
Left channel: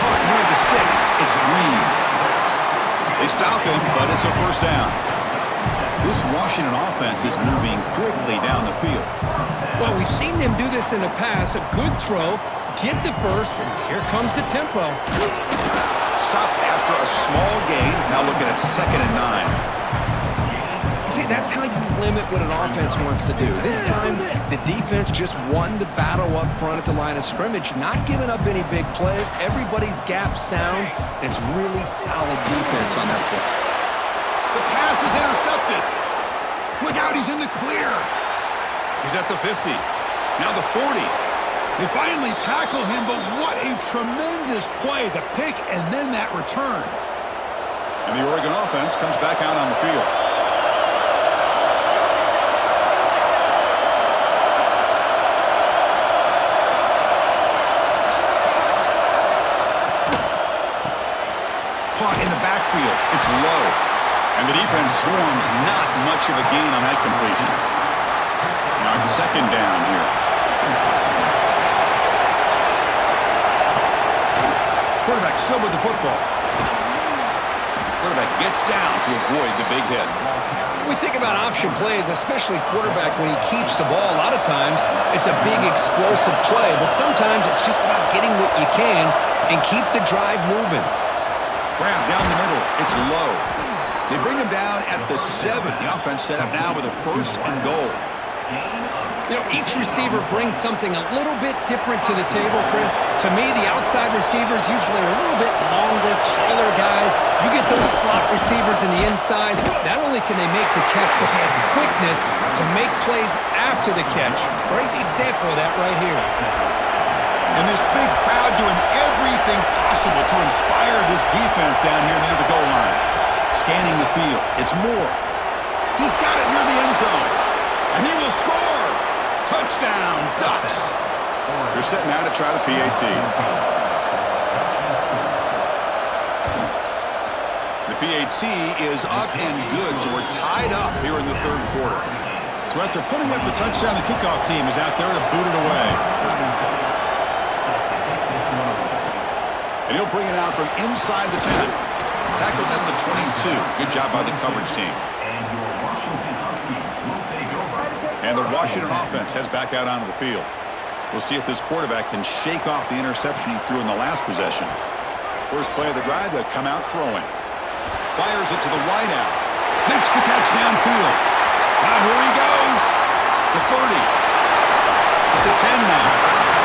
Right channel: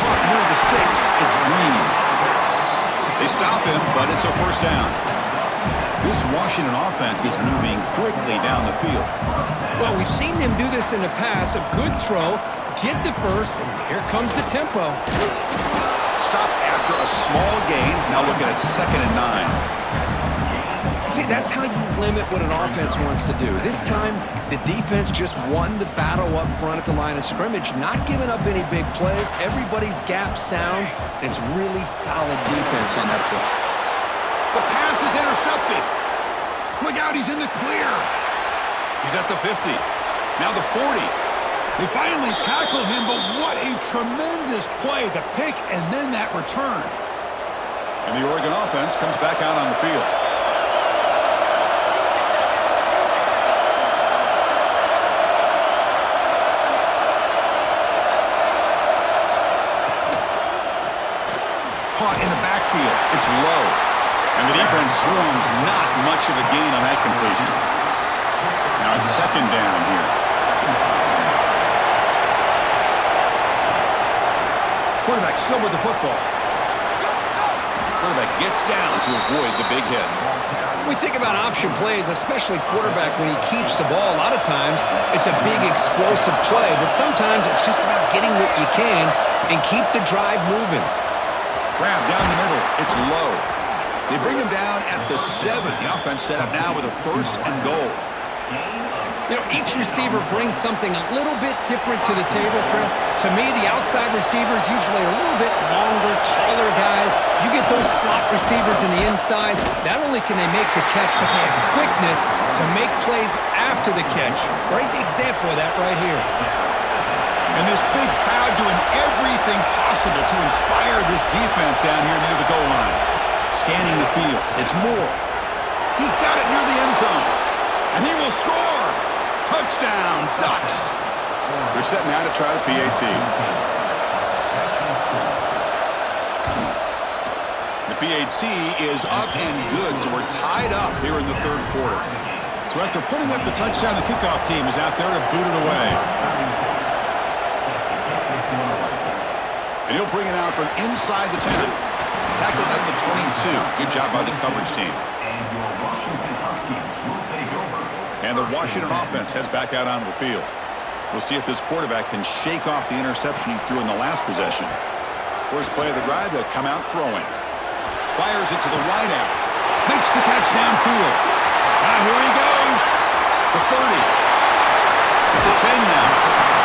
Caught near the sticks. It's Green. They stop him, but it's a first down. This Washington offense is moving quickly down the field. Well, we've seen them do this in the past. A good throw, get the first, and here comes the tempo. Stop after a small gain. Now looking at 2nd and 9. See, that's how you limit what an offense wants to do. This time, the defense just won the battle up front at the line of scrimmage, not giving up any big plays. Everybody's gap sound. It's really solid defense on that play. The pass is intercepted. Look out, he's in the clear. He's at the 50. Now the 40. They finally tackle him, but what a tremendous play. The pick and then that return. And the Oregon offense comes back out on the field. Caught in the backfield. It's low. And the defense swarms. Not much of a gain on that completion. Now it's 2nd down here. Quarterback still with the football. Quarterback gets down to avoid the big hit. We think about option plays, especially quarterback when he keeps the ball. A lot of times, it's a big explosive play, but sometimes it's just about getting what you can and keep the drive moving. Grab down the middle. It's low. They bring him down at the 7. The offense set up now with a 1st and goal. You know, each receiver brings something a little bit different to the table, Chris. To me, the outside receivers usually are a little bit longer, taller guys. You get those slot receivers in the inside, not only can they make the catch, but they have quickness to make plays after the catch. Great example of that right here. And this big crowd doing everything possible to inspire this defense down here near the goal line. Scanning the field. It's Moore. He's got it near the end zone. And he will score. Touchdown, Ducks. They're set now to try the PAT. The PAT is up and good, so we're tied up here in the 3rd quarter. So after putting up the touchdown, the kickoff team is out there to boot it away. And he'll bring it out from inside the 10. Tackled at the 22. Good job by the coverage team. And the Washington offense heads back out onto the field. We'll see if this quarterback can shake off the interception he threw in the last possession. First play of the drive, they'll come out throwing. Fires it to the wideout. Makes the catch downfield. Now here he goes. The 30. At the 10 now.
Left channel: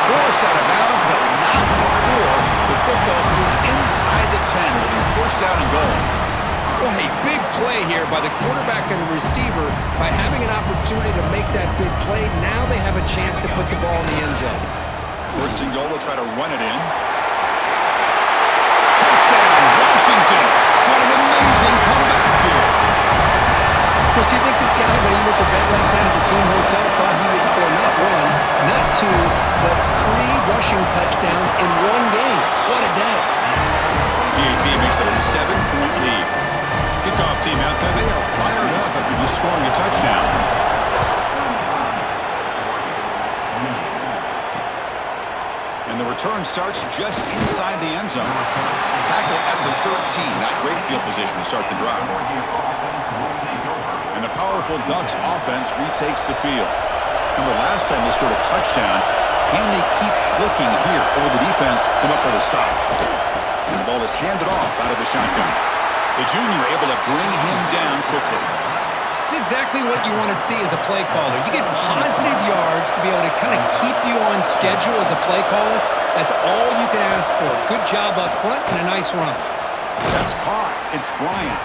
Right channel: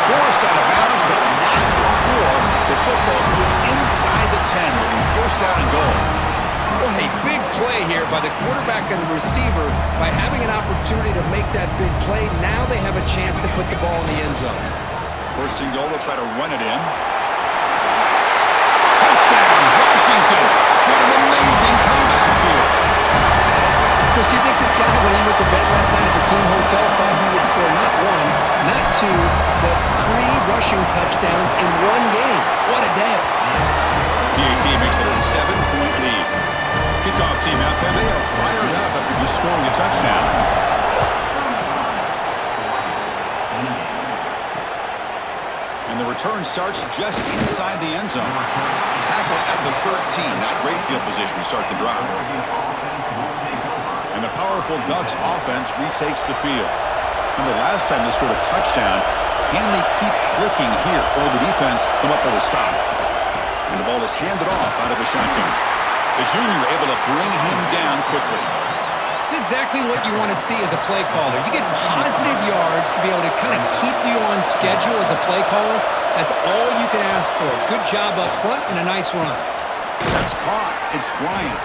Forced out of bounds, but not before the football's moved inside the 10. It'll be first down and goal. What a big play here by the quarterback and the receiver. By having an opportunity to make that big play, now they have a chance to put the ball in the end zone. First and goal, they'll try to run it in. Touchdown, Washington. What an amazing comeback here. Of course, you think this guy, when he went to bed last night at the team hotel, thought he would score not one, not two, but 3 rushing touchdowns in one game. What a day. PAT makes it a 7-point lead. Kickoff team out there, they are fired up after just scoring a touchdown. And the return starts just inside the end zone. Tackle at the 13. Not great field position to start the drive. And the powerful Ducks offense retakes the field. Remember, last time they scored a touchdown. Can they keep clicking here? Or the defense come up with a stop? And the ball is handed off out of the shotgun. The junior able to bring him down quickly. It's exactly what you want to see as a play caller. You get positive yards to be able to kind of keep you on schedule as a play caller. That's all you can ask for. Good job up front and a nice run. That's caught. It's Bryant.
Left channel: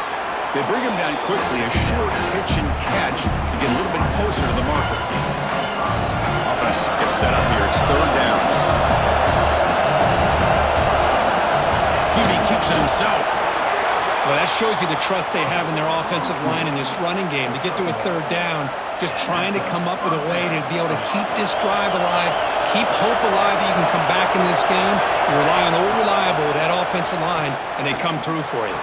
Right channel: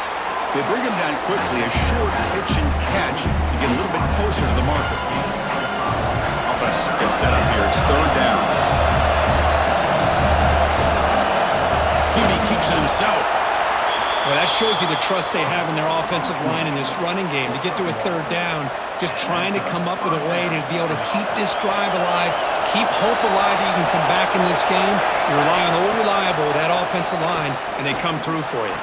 They bring him down quickly. A short pitch and catch to get a little bit closer to the marker. Offense gets set up here. It's third down. Hebe keeps it himself. Well, that shows you the trust they have in their offensive line in this running game. To get to a third down, just trying to come up with a way to be able to keep this drive alive, keep hope alive that you can come back in this game. You rely on old reliable, that offensive line, and they come through for you.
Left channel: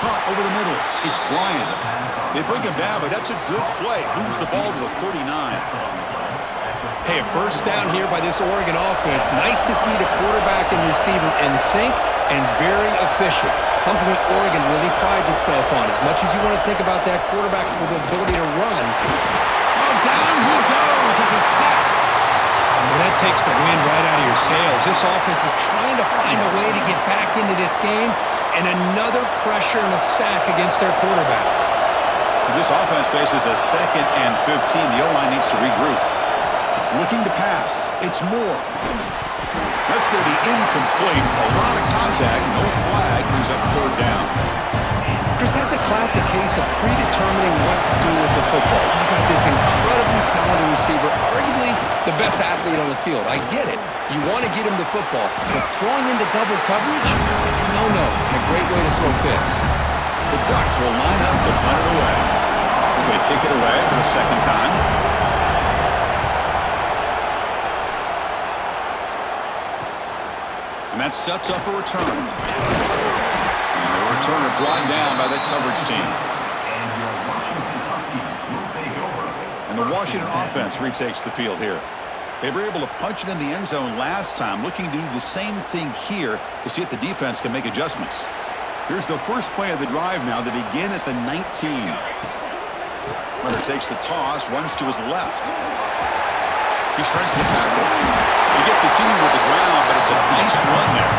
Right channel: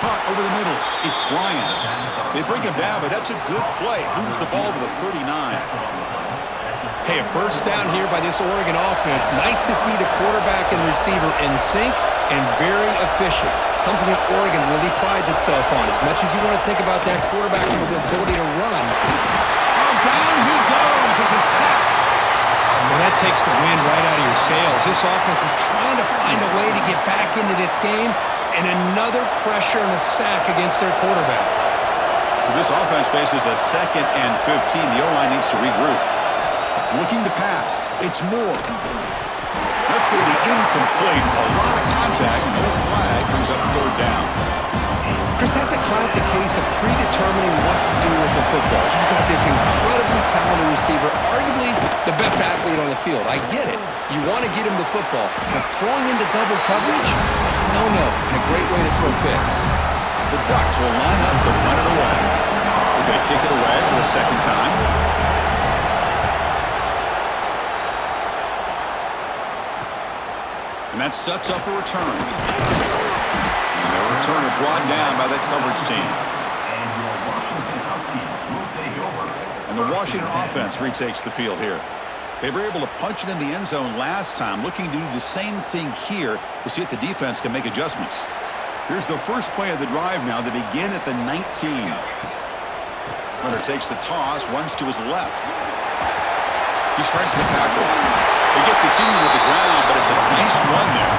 Caught over the middle. It's Bryant. They bring him down, but that's a good play. Moves the ball to the 39. Hey, a first down here by this Oregon offense. Nice to see the quarterback and receiver in sync and very efficient. Something that Oregon really prides itself on. As much as you want to think about that quarterback with the ability to run. Oh, down he goes. It's a sack. Well, that takes the wind right out of your sails. This offense is trying to find a way to get back into this game, and another pressure and a sack against their quarterback. This offense faces a 2nd and 15. The O-line needs to regroup. Looking to pass. It's Moore. That's going to be incomplete. A lot of contact. No flag. Brings up third down. Chris, that's a classic case of predetermining what to do with the football. You've got this incredibly talented receiver, arguably the best athlete on the field. I get it. You want to get him the football. But throwing into double coverage, that's a no-no and a great way to throw picks. The Ducks will line up to punt it away. They're going to kick it away for the second time. And that sets up a return. And the returner brought down by that coverage team. And the Washington offense retakes the field here. They were able to punch it in the end zone last time, looking to do the same thing here to see if the defense can make adjustments. Here's the first play of the drive now. They begin at the 19. Runner takes the toss, runs to his left. He shreds the tackle. They get the senior to the ground, but it's a nice run there.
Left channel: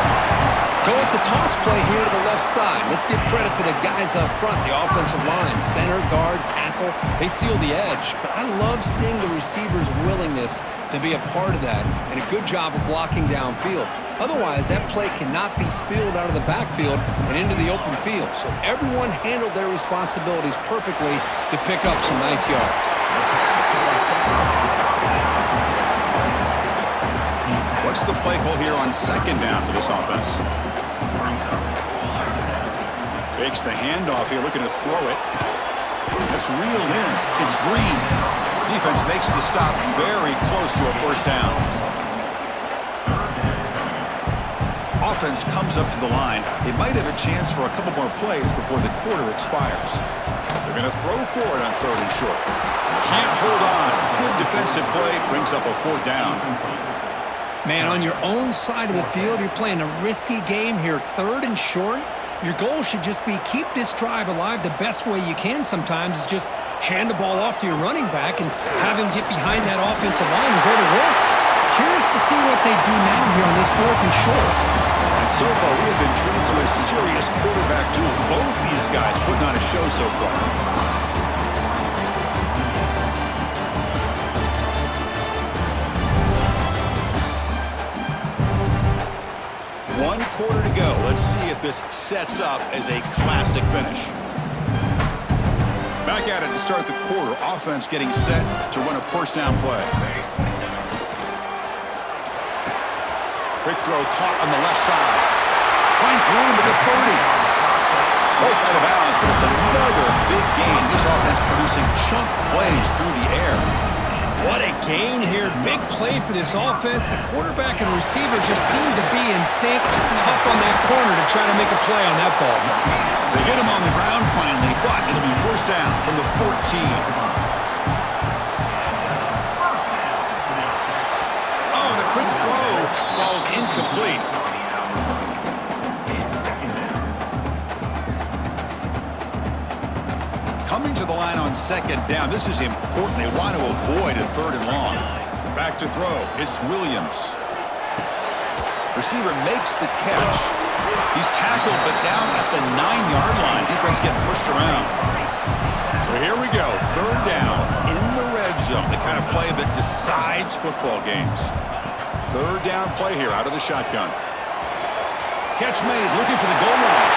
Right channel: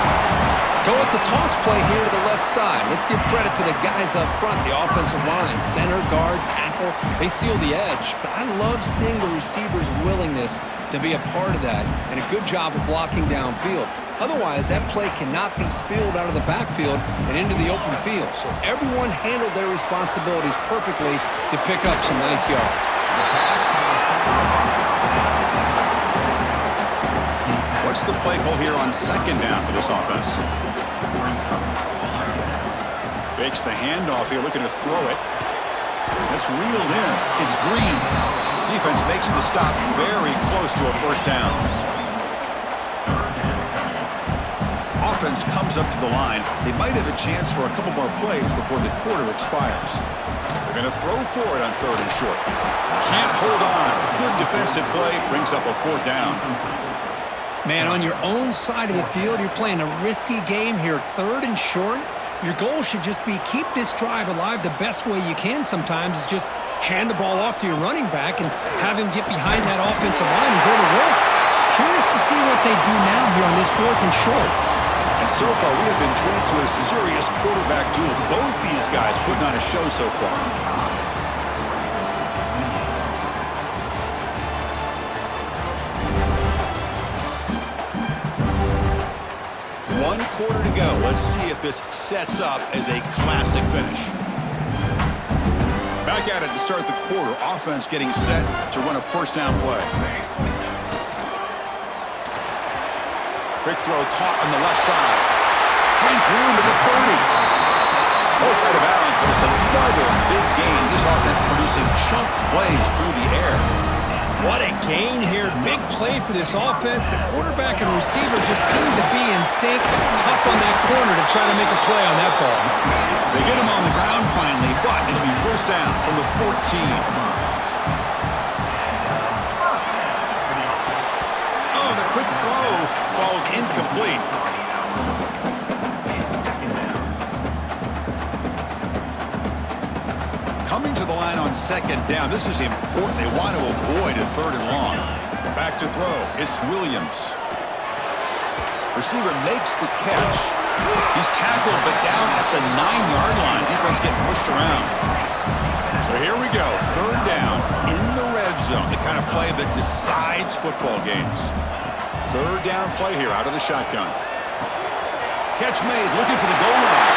Go with the toss play here to the left side. Let's give credit to the guys up front, the offensive line, center, guard, tackle. They seal the edge. But I love seeing the receiver's willingness to be a part of that and a good job of blocking downfield. Otherwise, that play cannot be spilled out of the backfield and into the open field. So everyone handled their responsibilities perfectly to pick up some nice yards. What's the play call here on second down for this offense? Fakes the handoff here, looking to throw it. That's reeled in. It's Green. Defense makes the stop very close to a first down. Offense comes up to the line. They might have a chance for a couple more plays before the quarter expires. They're going to throw for it on third and short. Can't hold on. Good defensive play brings up a fourth down. Man, on your own side of the field, you're playing a risky game here, third and short. Your goal should just be keep this drive alive the best way you can sometimes is just hand the ball off to your running back and have him get behind that offensive line and go to work. Curious to see what they do now here on this fourth and short. And And so far, we have been treated to a serious quarterback duel. Both these guys putting on a show so far. One quarter to go. Let's see if this sets up as a classic finish. Back at it to start the quarter. Offense getting set to run a first down play. Quick throw caught on the left side. Finds room at the 30. Both out of bounds, but it's another big gain. This offense producing chunk plays through the air. What a gain here. Big play for this offense. The quarterback and receiver just seem to be in sync. Tough on that corner to try to make a play on that ball. They get him on the ground finally, but it'll be first down from the 14. Oh, the quick throw falls incomplete. Coming to the line on second down. This is important. They want to avoid a third and long. Back to throw. It's Williams. Receiver makes the catch. He's tackled, but down at the 9-yard line. Defense getting pushed around. So here we go. Third down in the red zone. The kind of play that decides football games. Third down play here out of the shotgun. Catch made. Looking for the goal line.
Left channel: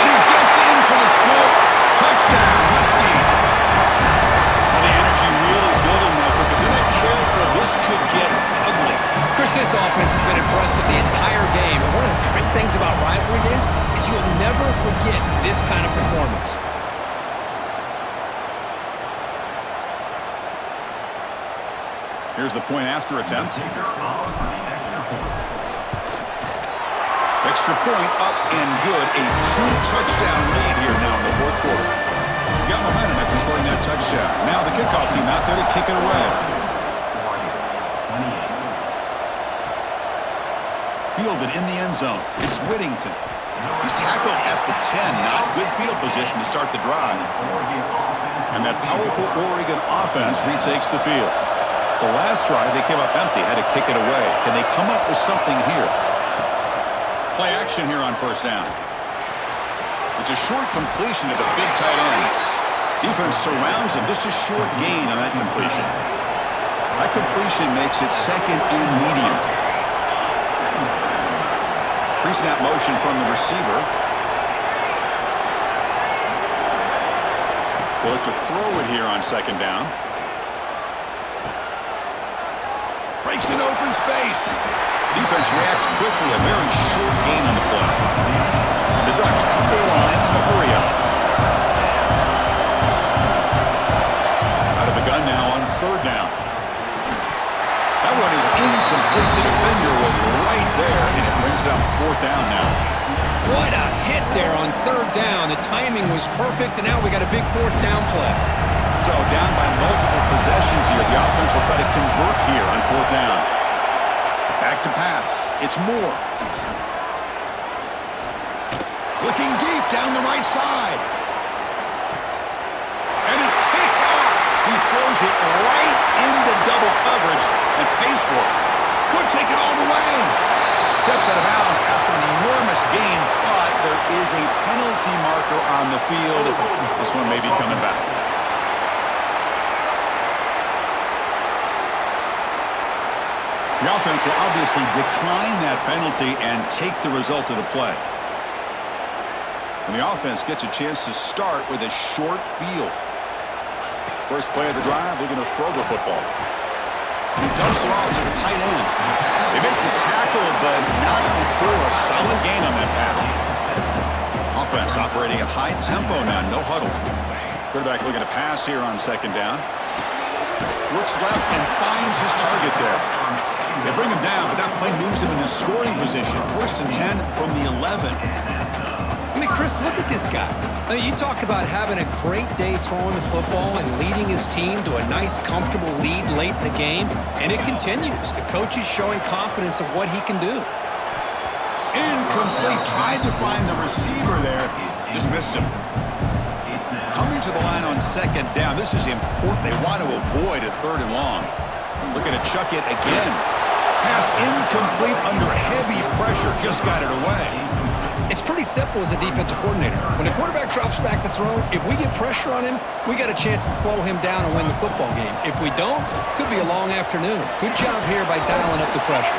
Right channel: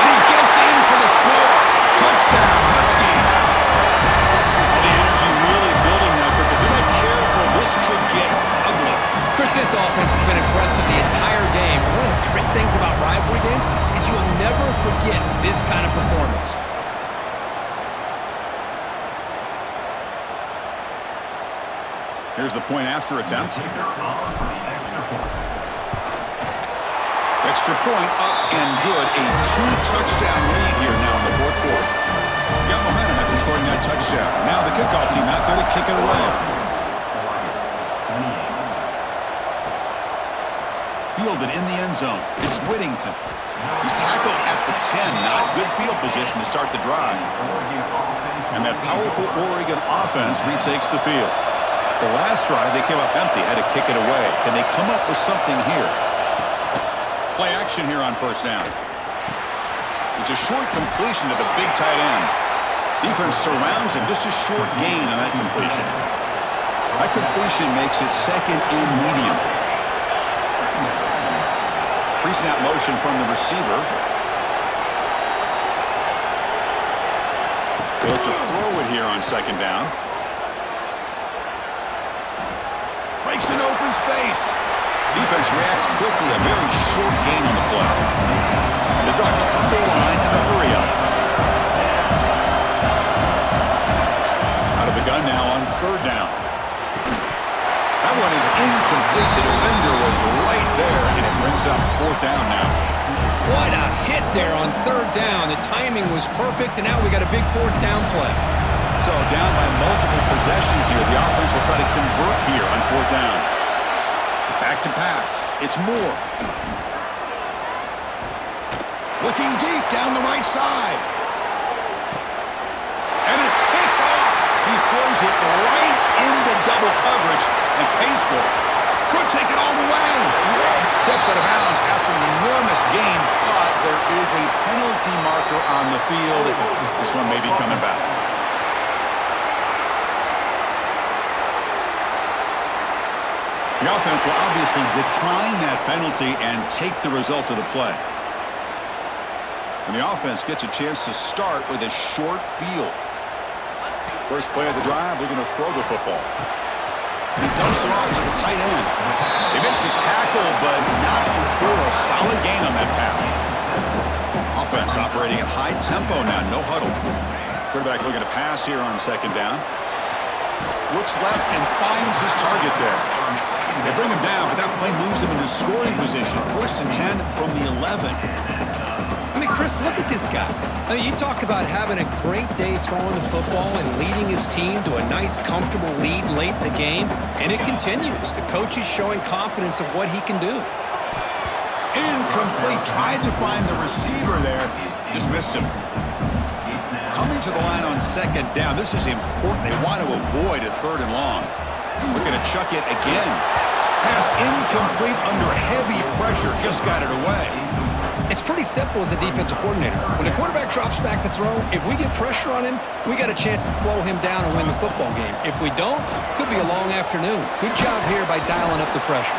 And he gets in for the score. Touchdown, Huskies. All the energy really building now, Kirk. If they're not careful, this could get ugly. Chris, this offense has been impressive the entire game. And one of the great things about rivalry games is you'll never forget this kind of performance. Here's the point after attempt. Extra point up and good. A 2-touchdown lead here now in the fourth quarter. Got momentum after scoring that touchdown. Now the kickoff team out there to kick it away. Fielded in the end zone. It's Whittington. He's tackled at the 10. Not good field position to start the drive. And that powerful Oregon offense retakes the field. The last drive, they came up empty, had to kick it away. Can they come up with something here? Play action here on first down. It's a short completion to the big tight end. Defense surrounds him. Just a short gain on that completion. That completion makes it second and medium. Pre-snap motion from the receiver. They look to throw it here on second down. Breaks an open space. Defense reacts quickly, a very short gain on the play. And the Ducks come to the line in a hurry up. Out of the gun now on third down. That one is incomplete. The defender was right there, and it brings up fourth down now. What a hit there on third down. The timing was perfect, and now we got a big fourth down play. So down by multiple possessions here. The offense will try to convert here on fourth down. Back to pass. It's Moore. Looking deep down the right side. And it's picked off. He throws it right into double coverage and pays for it. Could take it all the way. Steps out of bounds after an enormous gain, but there is a penalty marker on the field. This one may be coming back. The offense will obviously decline that penalty and take the result of the play. And the offense gets a chance to start with a short field. First play of the drive, looking to throw the football. He dumps it off to the tight end. They make the tackle, but not before a solid gain on that pass. Offense operating at high tempo now, no huddle. Quarterback looking to pass here on second down. Looks left and finds his target there. They bring him down, but that play moves him into scoring position. First and 10 from the 11. I mean, Chris, look at this guy. I mean, you talk about having a great day throwing the football and leading his team to a nice, comfortable lead late in the game, and it continues. The coach is showing confidence of what he can do. Incomplete. Tried to find the receiver there. Just missed him. Coming to the line on second down. This is important. They want to avoid a third and long. Looking to chuck it again. Pass incomplete under heavy pressure. Just got it away. It's pretty simple as a defensive coordinator. When the quarterback drops back to throw, if we get pressure on him, we got a chance to slow him down and win the football game. If we don't, could be a long afternoon. Good job here by dialing up the pressure.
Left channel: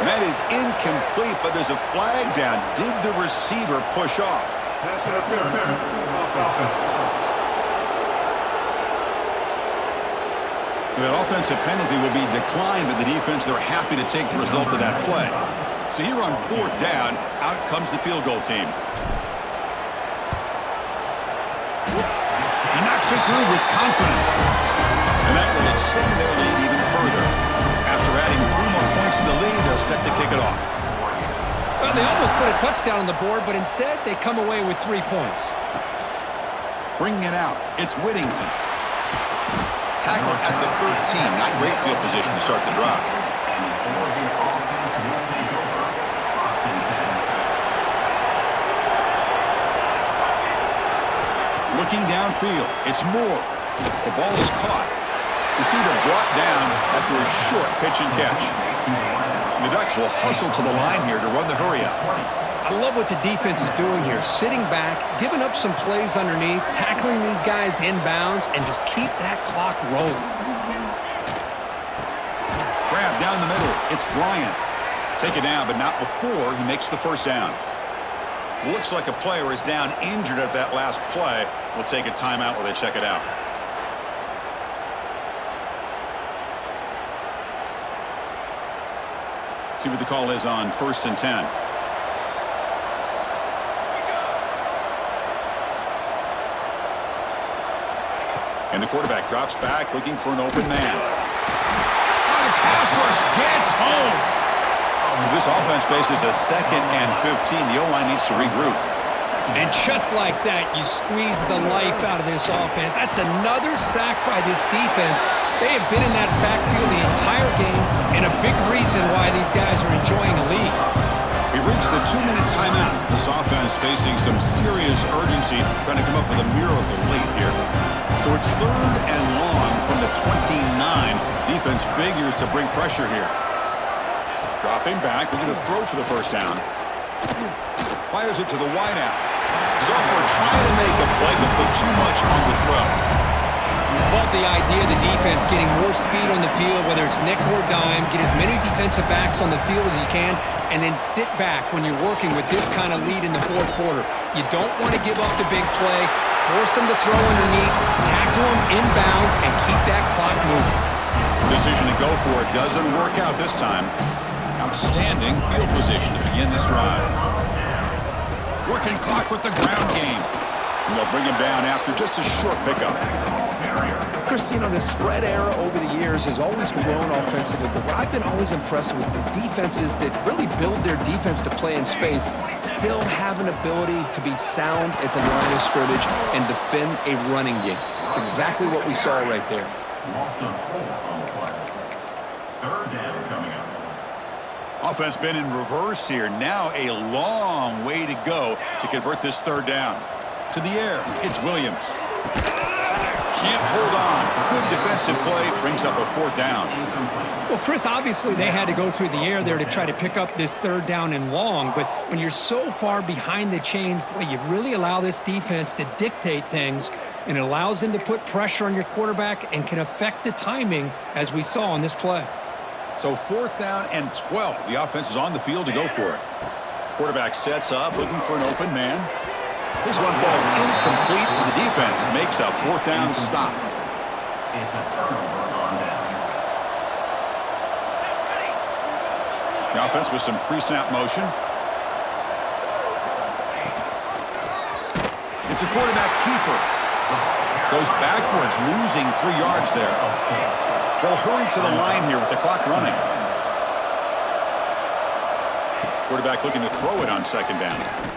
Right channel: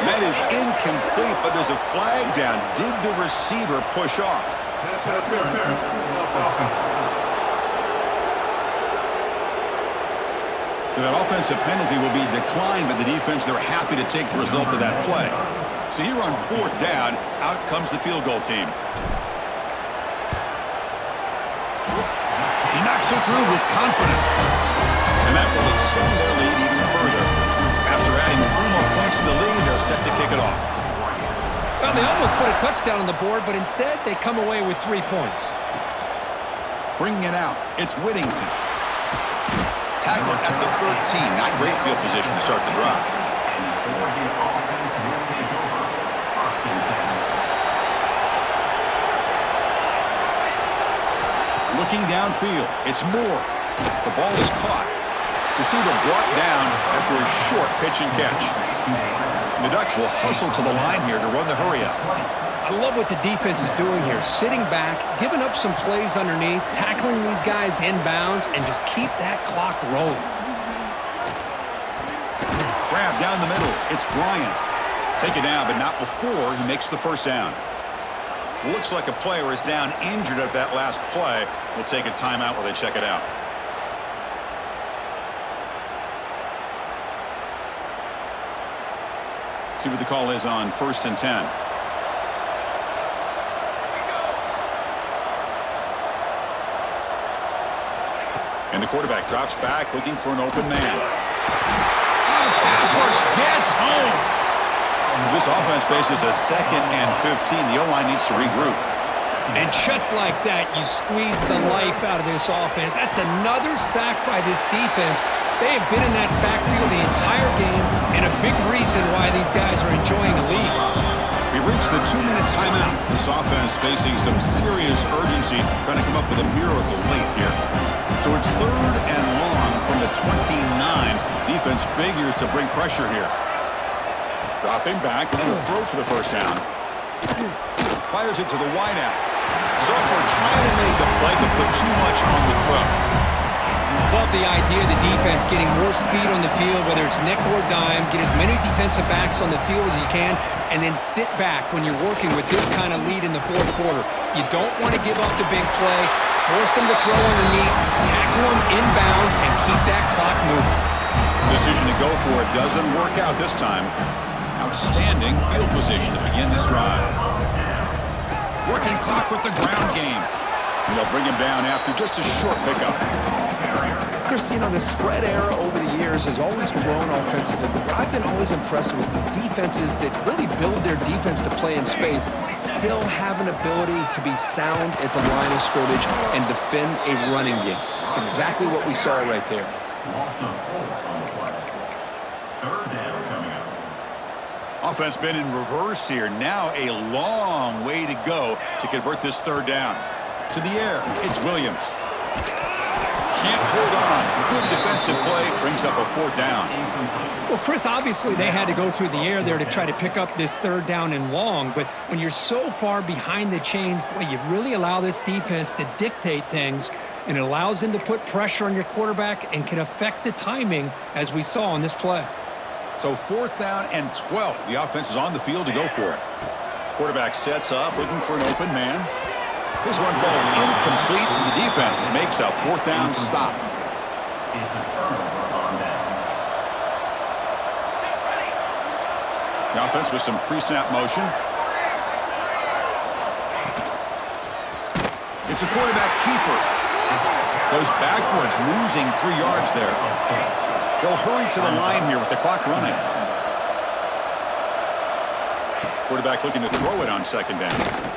And that is incomplete, but there's a flag down. Did the receiver push off? Pass interference. So that offensive penalty will be declined by the defense. They're happy to take the result of that play. So here on 4th down, out comes the field goal team. He knocks it through with confidence. And that will extend their lead even further. After adding 3 more points to the lead, they're set to kick it off. Well, they almost put a touchdown on the board, but instead they come away with 3 points. Bringing it out, it's Whittington. Tackled at the 13. Not great field position to start the drive. Looking downfield, it's Moore. The ball is caught. Receiver brought down after a short pitch and catch. And the Ducks will hustle to the line here to run the hurry up. I love what the defense is doing here. Sitting back, giving up some plays underneath, tackling these guys inbounds, and just keep that clock rolling. Grab down the middle. It's Bryant. Take it down, but not before he makes the first down. Looks like a player is down injured at that last play. We'll take a timeout while they check it out. See what the call is on 1st and 10. And the quarterback drops back looking for an open man. The pass rush gets home. This offense faces a 2nd and 15. The O-line needs to regroup. And just like that, you squeeze the life out of this offense. That's another sack by this defense. They have been in that backfield the entire game, and a big reason why these guys are enjoying a lead. We've reached the 2-minute timeout. This offense facing some serious urgency, trying to come up with a miracle late here. So it's 3rd and long from the 29. Defense figures to bring pressure here. Dropping back, looking to throw for the first down. Fires it to the wideout. Zucker trying to make a play, but put too much on the throw. Love the idea of the defense getting more speed on the field, whether it's nickel or dime. Get as many defensive backs on the field as you can, and then sit back when you're working with this kind of lead in the 4th quarter. You don't want to give up the big play. Force them to throw underneath, tackle them inbounds, and keep that clock moving. Decision to go for it doesn't work out this time. Outstanding field position to begin this drive. Working clock with the ground game. And they'll bring him down after just a short pickup. Chris, you know, the spread era over the years has always grown offensively, but what I've been always impressed with defenses that really build their defense to play in space still have an ability to be sound at the line of scrimmage and defend a running game. It's exactly what we saw right there. Loss of 4 on the play. 3rd down coming up. Offense been in reverse here. Now a long way to go to convert this 3rd down. To the air, it's Williams. Can't hold on. Good defensive play brings up a 4th down. Well, Chris, obviously they had to go through the air there to try to pick up this 3rd down and long, but when you're so far behind the chains, boy, you really allow this defense to dictate things, and it allows them to put pressure on your quarterback and can affect the timing, as we saw on this play. So 4th down and 12. The offense is on the field to go for it. Quarterback sets up, looking for an open man. This one falls incomplete, and the defense makes a 4th down stop. It's a turnover on downs. The offense with some pre-snap motion. It's a quarterback keeper. Goes backwards, losing 3 yards there. They'll hurry to the line here with the clock running. Quarterback looking to throw it on 2nd down.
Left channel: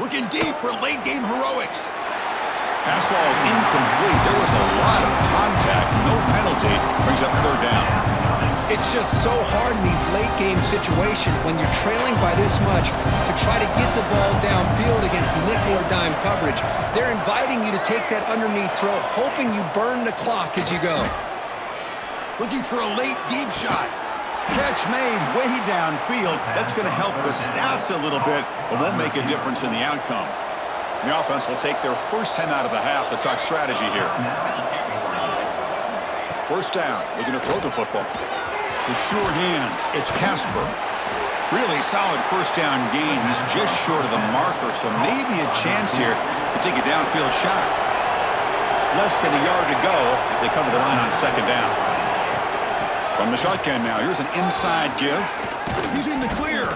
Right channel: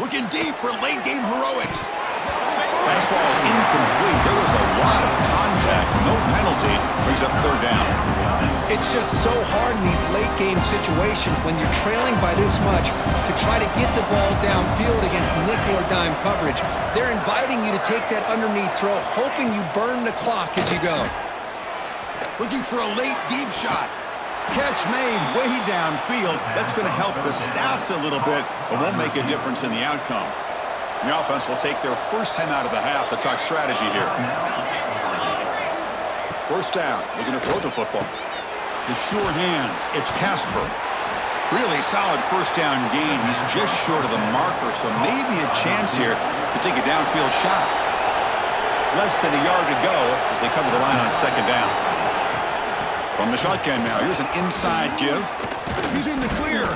Looking deep for late game heroics. Pass ball is incomplete. There was a lot of contact. No penalty. Brings up 3rd down. It's just so hard in these late game situations when you're trailing by this much to try to get the ball downfield against nickel or dime coverage. They're inviting you to take that underneath throw, hoping you burn the clock as you go. Looking for a late deep shot. Catch made way downfield. That's going to help the stats a little bit, but won't make a difference in the outcome. The offense will take their first time out of the half to talk strategy here. First down, looking to throw the football. The sure hands, it's Casper. Really solid first down gain. He's just short of the marker, so maybe a chance here to take a downfield shot. Less than a yard to go as they cover the line on second down. From the shotgun now, here's an inside give. He's in the clear.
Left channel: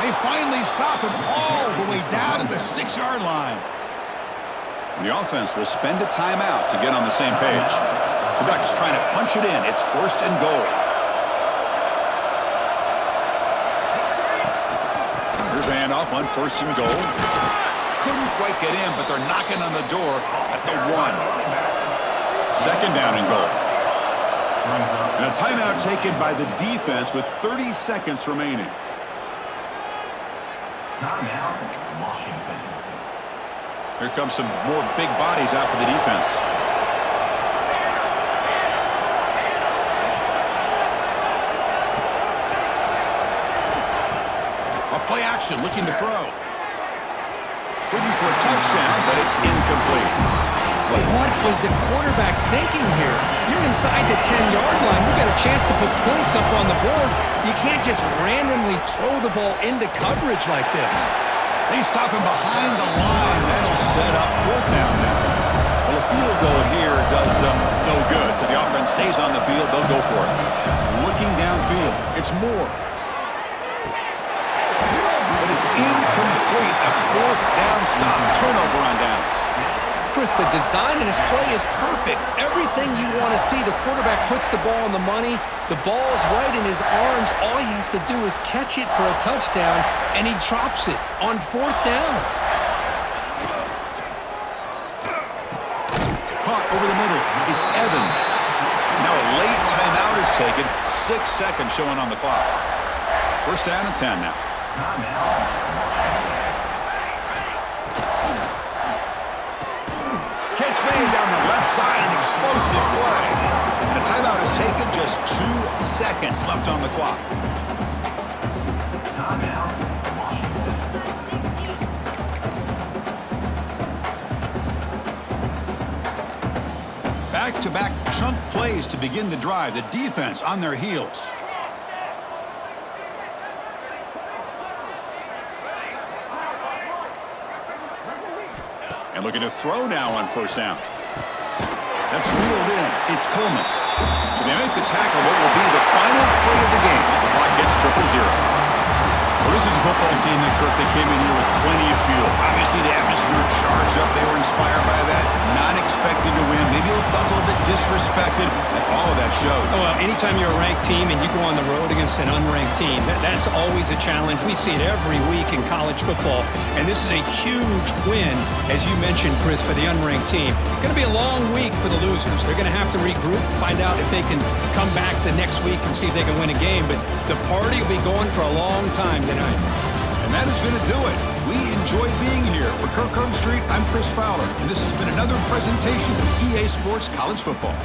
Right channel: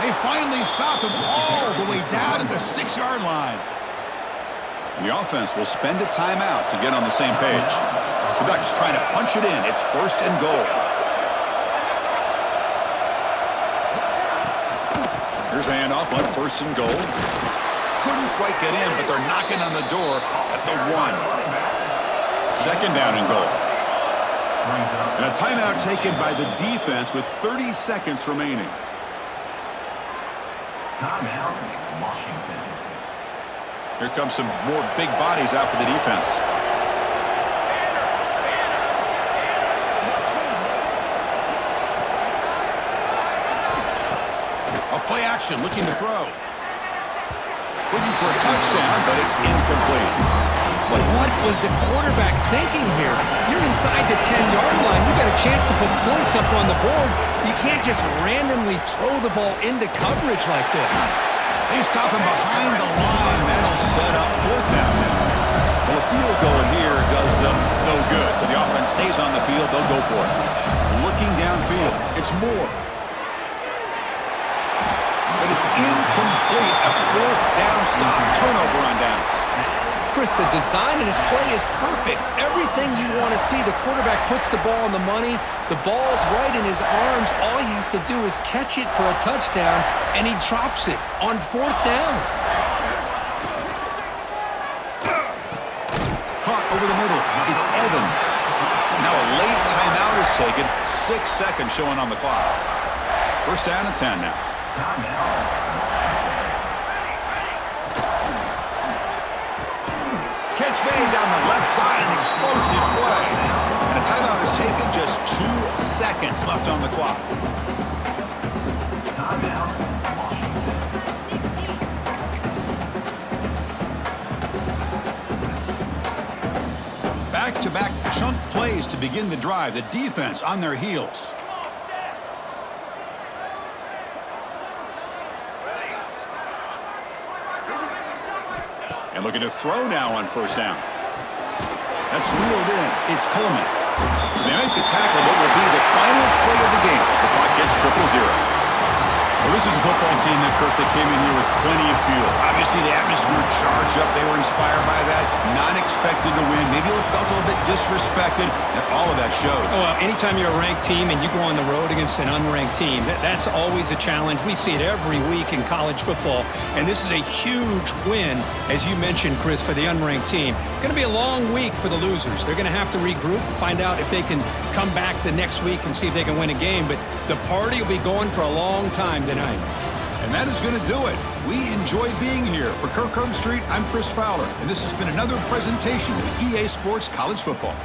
They finally stop him all the way down at the 6-yard line. And the offense will spend a timeout to get on the same page. The Ducks trying to punch it in. It's first and goal. Here's the handoff on first and goal. Couldn't quite get in, but they're knocking on the door at the 1. Second down and goal. And a timeout taken by the defense with 30 seconds remaining. Timeout, Washington. Here comes some more big bodies out for the defense. A play action, looking to throw. Looking for a touchdown, but it's incomplete. Boy, what was the quarterback thinking here? You're inside the 10-yard line. You got a chance to put points up on the board. You can't just randomly throw the ball into coverage like this. They stop him behind the line. That'll set up fourth down now. Well, a field goal here does them no good. So the offense stays on the field. They'll go for it. Looking downfield. It's Moore. But it's incomplete. A fourth down stop. Turnover on downs. Chris, the design of this play is perfect. Everything you want to see. The quarterback puts the ball on the money. The ball's right in his arms. All he has to do is catch it for a touchdown, and he drops it on fourth down. Caught over the middle. It's Evans. Now a late timeout is taken. 6 seconds showing on the clock. First down and 10 now. Timeout, Catch made down the left side, an explosive play. And a timeout is taken, just 2 seconds left on the clock. Timeout, Washington. Back-to-back chunk plays to begin the drive. The defense on their heels. And looking to throw now on first down. That's reeled in. It's Coleman. So they make the tackle what will be the final play of the game as the clock hits 0-0. Well, this is a football team that, Kirk, they came in here with plenty of fuel. Obviously, the atmosphere charged up. They were inspired by that. Not expected to win. Maybe felt a little bit disrespected, and all of that showed. Oh, well, anytime you're a ranked team and you go on the road against an unranked team, that's always a challenge. We see it every week in college football, and this is a huge win, as you mentioned, Chris, for the unranked team. It's going to be a long week for the losers. They're going to have to regroup, find out if they can come back the next week and see if they can win a game, but the party will be going for a long time tonight. And that is going to do it. We enjoyed being here. For Kirk Street, I'm Chris Fowler, and this has been another presentation of EA Sports College Football.